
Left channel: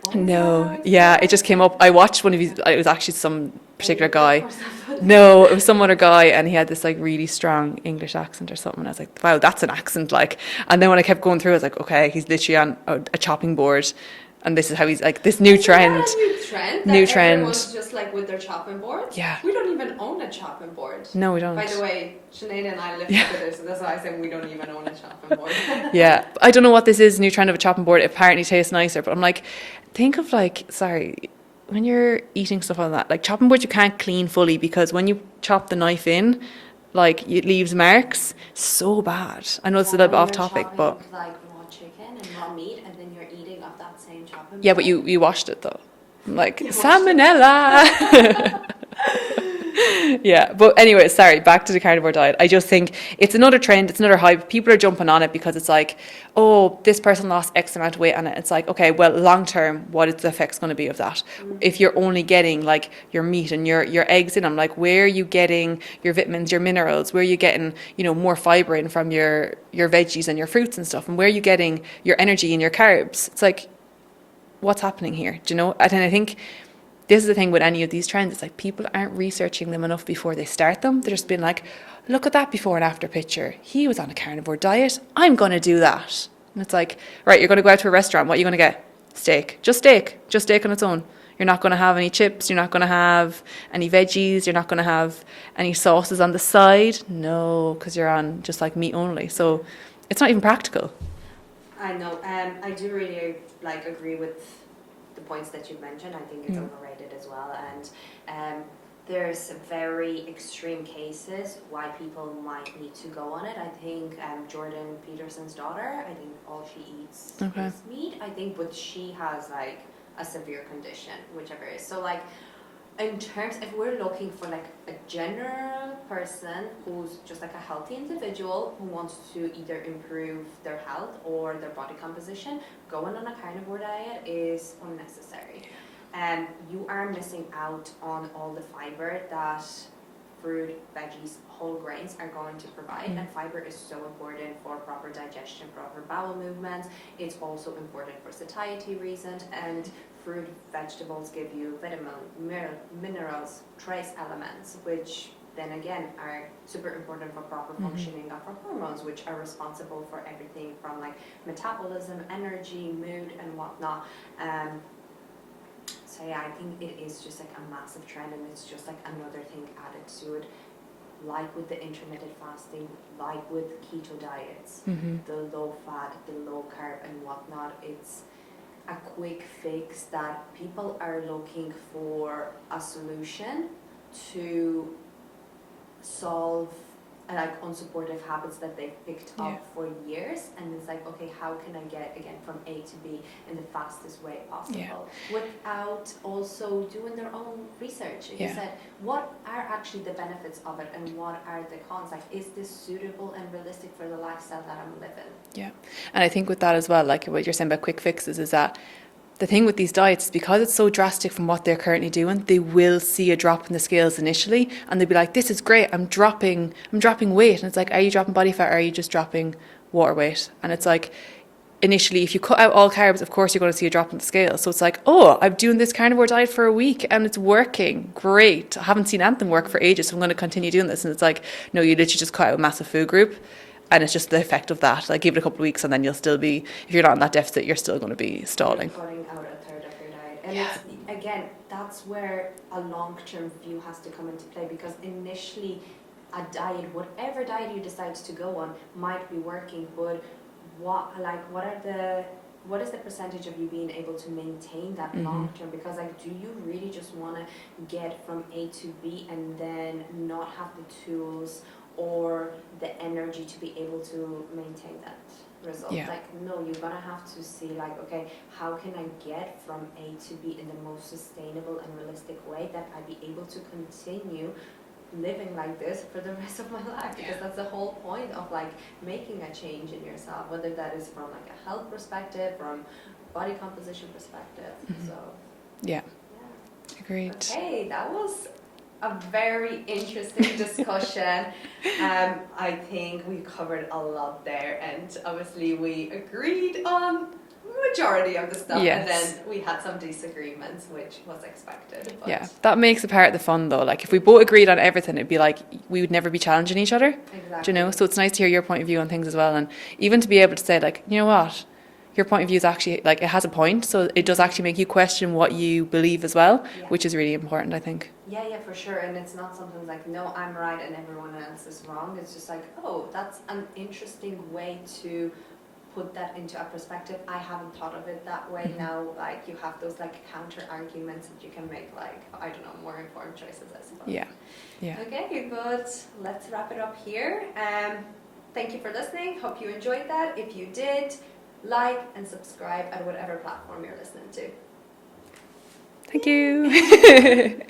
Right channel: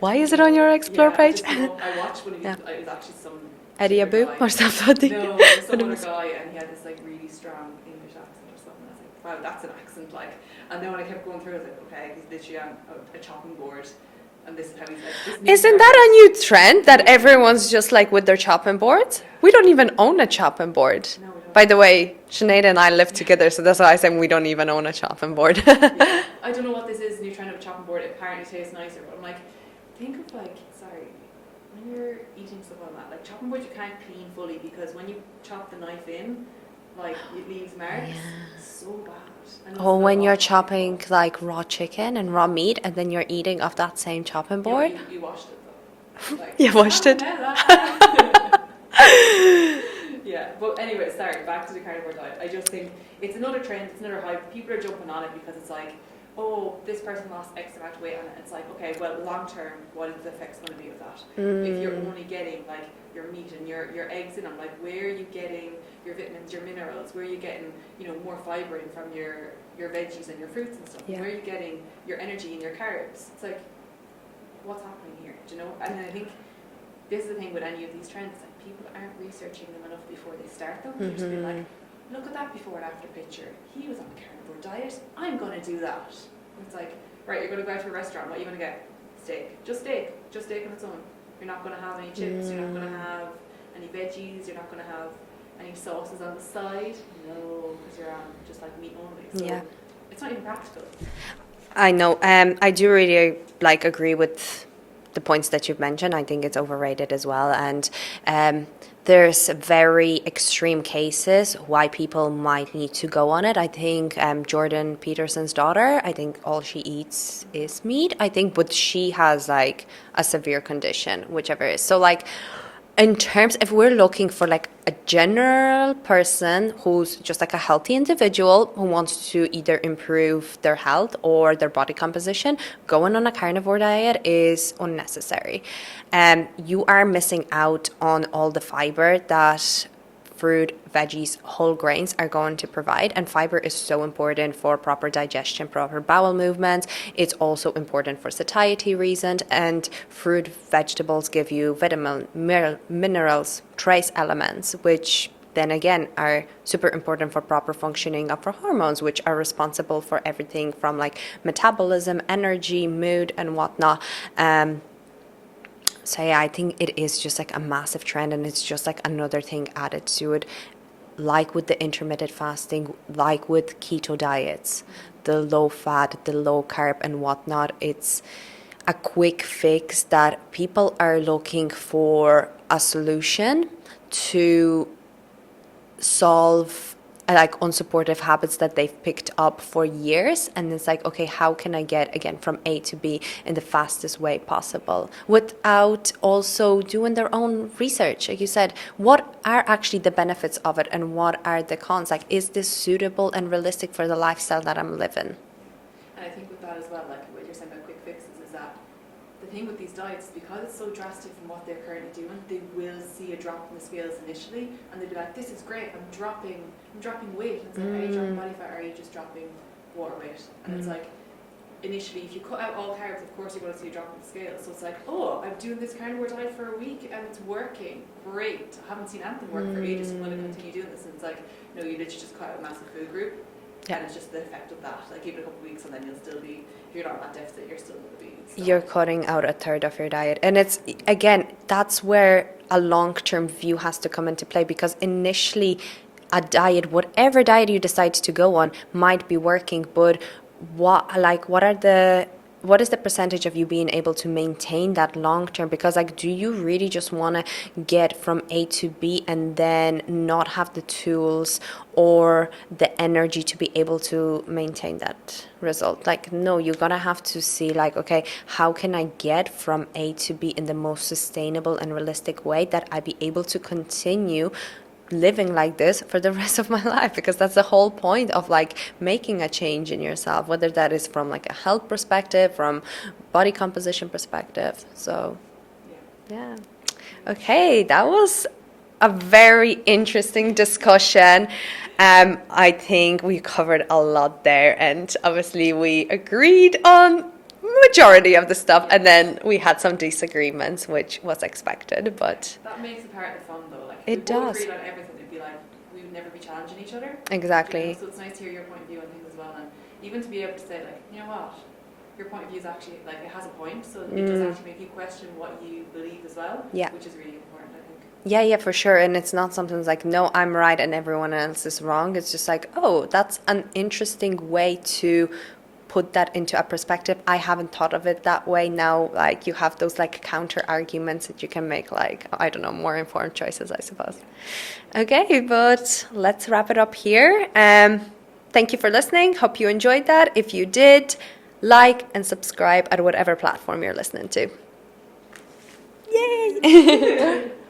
Why is it on your Explore Yeah, page? it just came up. I watched one of his, it was actually some particular guy. Or something. No, it was some other guy, and he had this like really strong English accent or something. And I was like, wow, that's an accent, like. And then when I kept going through, I was like, okay, he's literally on a chopping board. And this is how he's like, this new Isn't trend. Isn't that a new trend that New trend. everyone's just like with their chopping boards? Yeah. We don't even own a chopping board. No, we don't. By the way, Sinead and I live together, so that's why I said we don't even own a chopping board. Yeah. I don't know what this is, new trend of a chopping board. It apparently tastes nicer. But I'm like, think of like, sorry, when you're eating stuff like that, like chopping boards you can't clean fully, because when you chop the knife in, like, it leaves marks. So bad. I know it's a little bit off topic, when you're chopping like raw chicken and raw meat, and then you're eating off that same chopping board. Yeah, but you washed it though. Like, washed salmonella. Yeah, but anyway, sorry, back to the carnivore diet. I just think it's another trend, it's another hype. People are jumping on it because it's like, oh, this person lost X amount of weight on it. It's like, okay, well, long term, what is the effects going to be of that? If you're only getting like your meat and your eggs in them, like, where are you getting your vitamins, your minerals? Where are you getting, you know, more fibre in from your veggies and your fruits and stuff? And where are you getting your energy and your carbs? It's like, what's happening here? Do you know? And I think this is the thing with any of these trends. It's like people aren't researching them enough before they start them. They're just being like, look at that before and after picture. He was on a carnivore diet. I'm going to do that. And it's like, right, you're going to go out to a restaurant. What are you going to get? Steak. Just steak. Just steak on its own. You're not going to have any chips. You're not going to have any veggies. You're not going to have any sauces on the side. No, because you're on just like meat only. So it's not even practical. I know. I do really agree with the points that you've mentioned. I think it's overrated as well. And there's very extreme cases why people might need to go on it. I think Jordan Peterson's daughter, I think all she eats is meat. I think, but she has like a severe condition, whichever it is. So like, in terms, if we're looking for like a general person who's just like a healthy individual who wants to either improve their health or their body composition, going on a carnivore diet is unnecessary. You are missing out on all the fiber that fruit, veggies, whole grains are going to provide. And fiber is so important for proper digestion, proper bowel movements. It's also important for satiety reasons. And fruit, vegetables give you vitamin, minerals, trace elements, which then again are super important for proper functioning of our hormones, which are responsible for everything from like metabolism, energy, mood, and whatnot. So yeah, I think it is just like a massive trend, and it's just like another thing added to it, like with the intermittent fasting, like with keto diets, the low fat, the low carb and whatnot. It's a quick fix that people are looking for a solution to solve like unsupportive habits that they've picked up for years. And it's like, okay, how can I get again from A to B in the fastest way possible without also doing their own research? Like you said, what are actually the benefits of it and what are the cons? Like, is this suitable and realistic for the lifestyle that I'm living? Yeah. And I think with that as well, like what you're saying about quick fixes, is that the thing with these diets is because it's so drastic from what they're currently doing, they will see a drop in the scales initially and they'll be like, this is great, I'm dropping weight. And it's like, are you dropping body fat or are you just dropping water weight? And it's like, initially, if you cut out all carbs, of course you're going to see a drop in the scale. So it's like, oh, I'm doing this carnivore diet for a week and it's working. Great. I haven't seen anything work for ages, so I'm going to continue doing this. And it's like, no, you literally just cut out a massive food group. And it's just the effect of that. Like, give it a couple of weeks and then you'll still be, if you're not in that deficit, you're still going to be stalling. You're cutting out a third of your diet. And it's, again, that's where a long-term view has to come into play, because initially a diet, whatever diet you decide to go on, might be working, but what is the percentage of you being able to maintain that long term? Because like, do you really just want to get from A to B and then not have the tools or the energy to be able to maintain that result? Like, no, you're gonna have to see like, okay, how can I get from A to B in the most sustainable and realistic way that I be able to continue living like this for the rest of my life? Because that's the whole point of like making a change in yourself, whether that is from like a health perspective, from body composition perspective. So yeah. Great. Okay, that was a very interesting discussion. I think we covered a lot there, and obviously we agreed on majority of the stuff, and then we had some disagreements, which was expected, but that makes it part of the fun though. Like, if we both agreed on everything, it'd be like we would never be challenging each other. Exactly. Do you know? So it's nice to hear your point of view on things as well, and even to be able to say like, you know what, your point of view is actually like, it has a point, so it does actually make you question what you believe as well, which is really important, I think. Yeah, for sure. And it's not something that's like, no, I'm right and everyone else is wrong. It's just like, oh, that's an interesting way to put that into a perspective. I haven't thought of it that way. Now, like, you have those like counter arguments that you can make, like, I don't know, more informed choices, I suppose. Okay, but let's wrap it up here. Thank you for listening. Hope you enjoyed that. If you did, like and subscribe at whatever platform you're listening to. Thank you.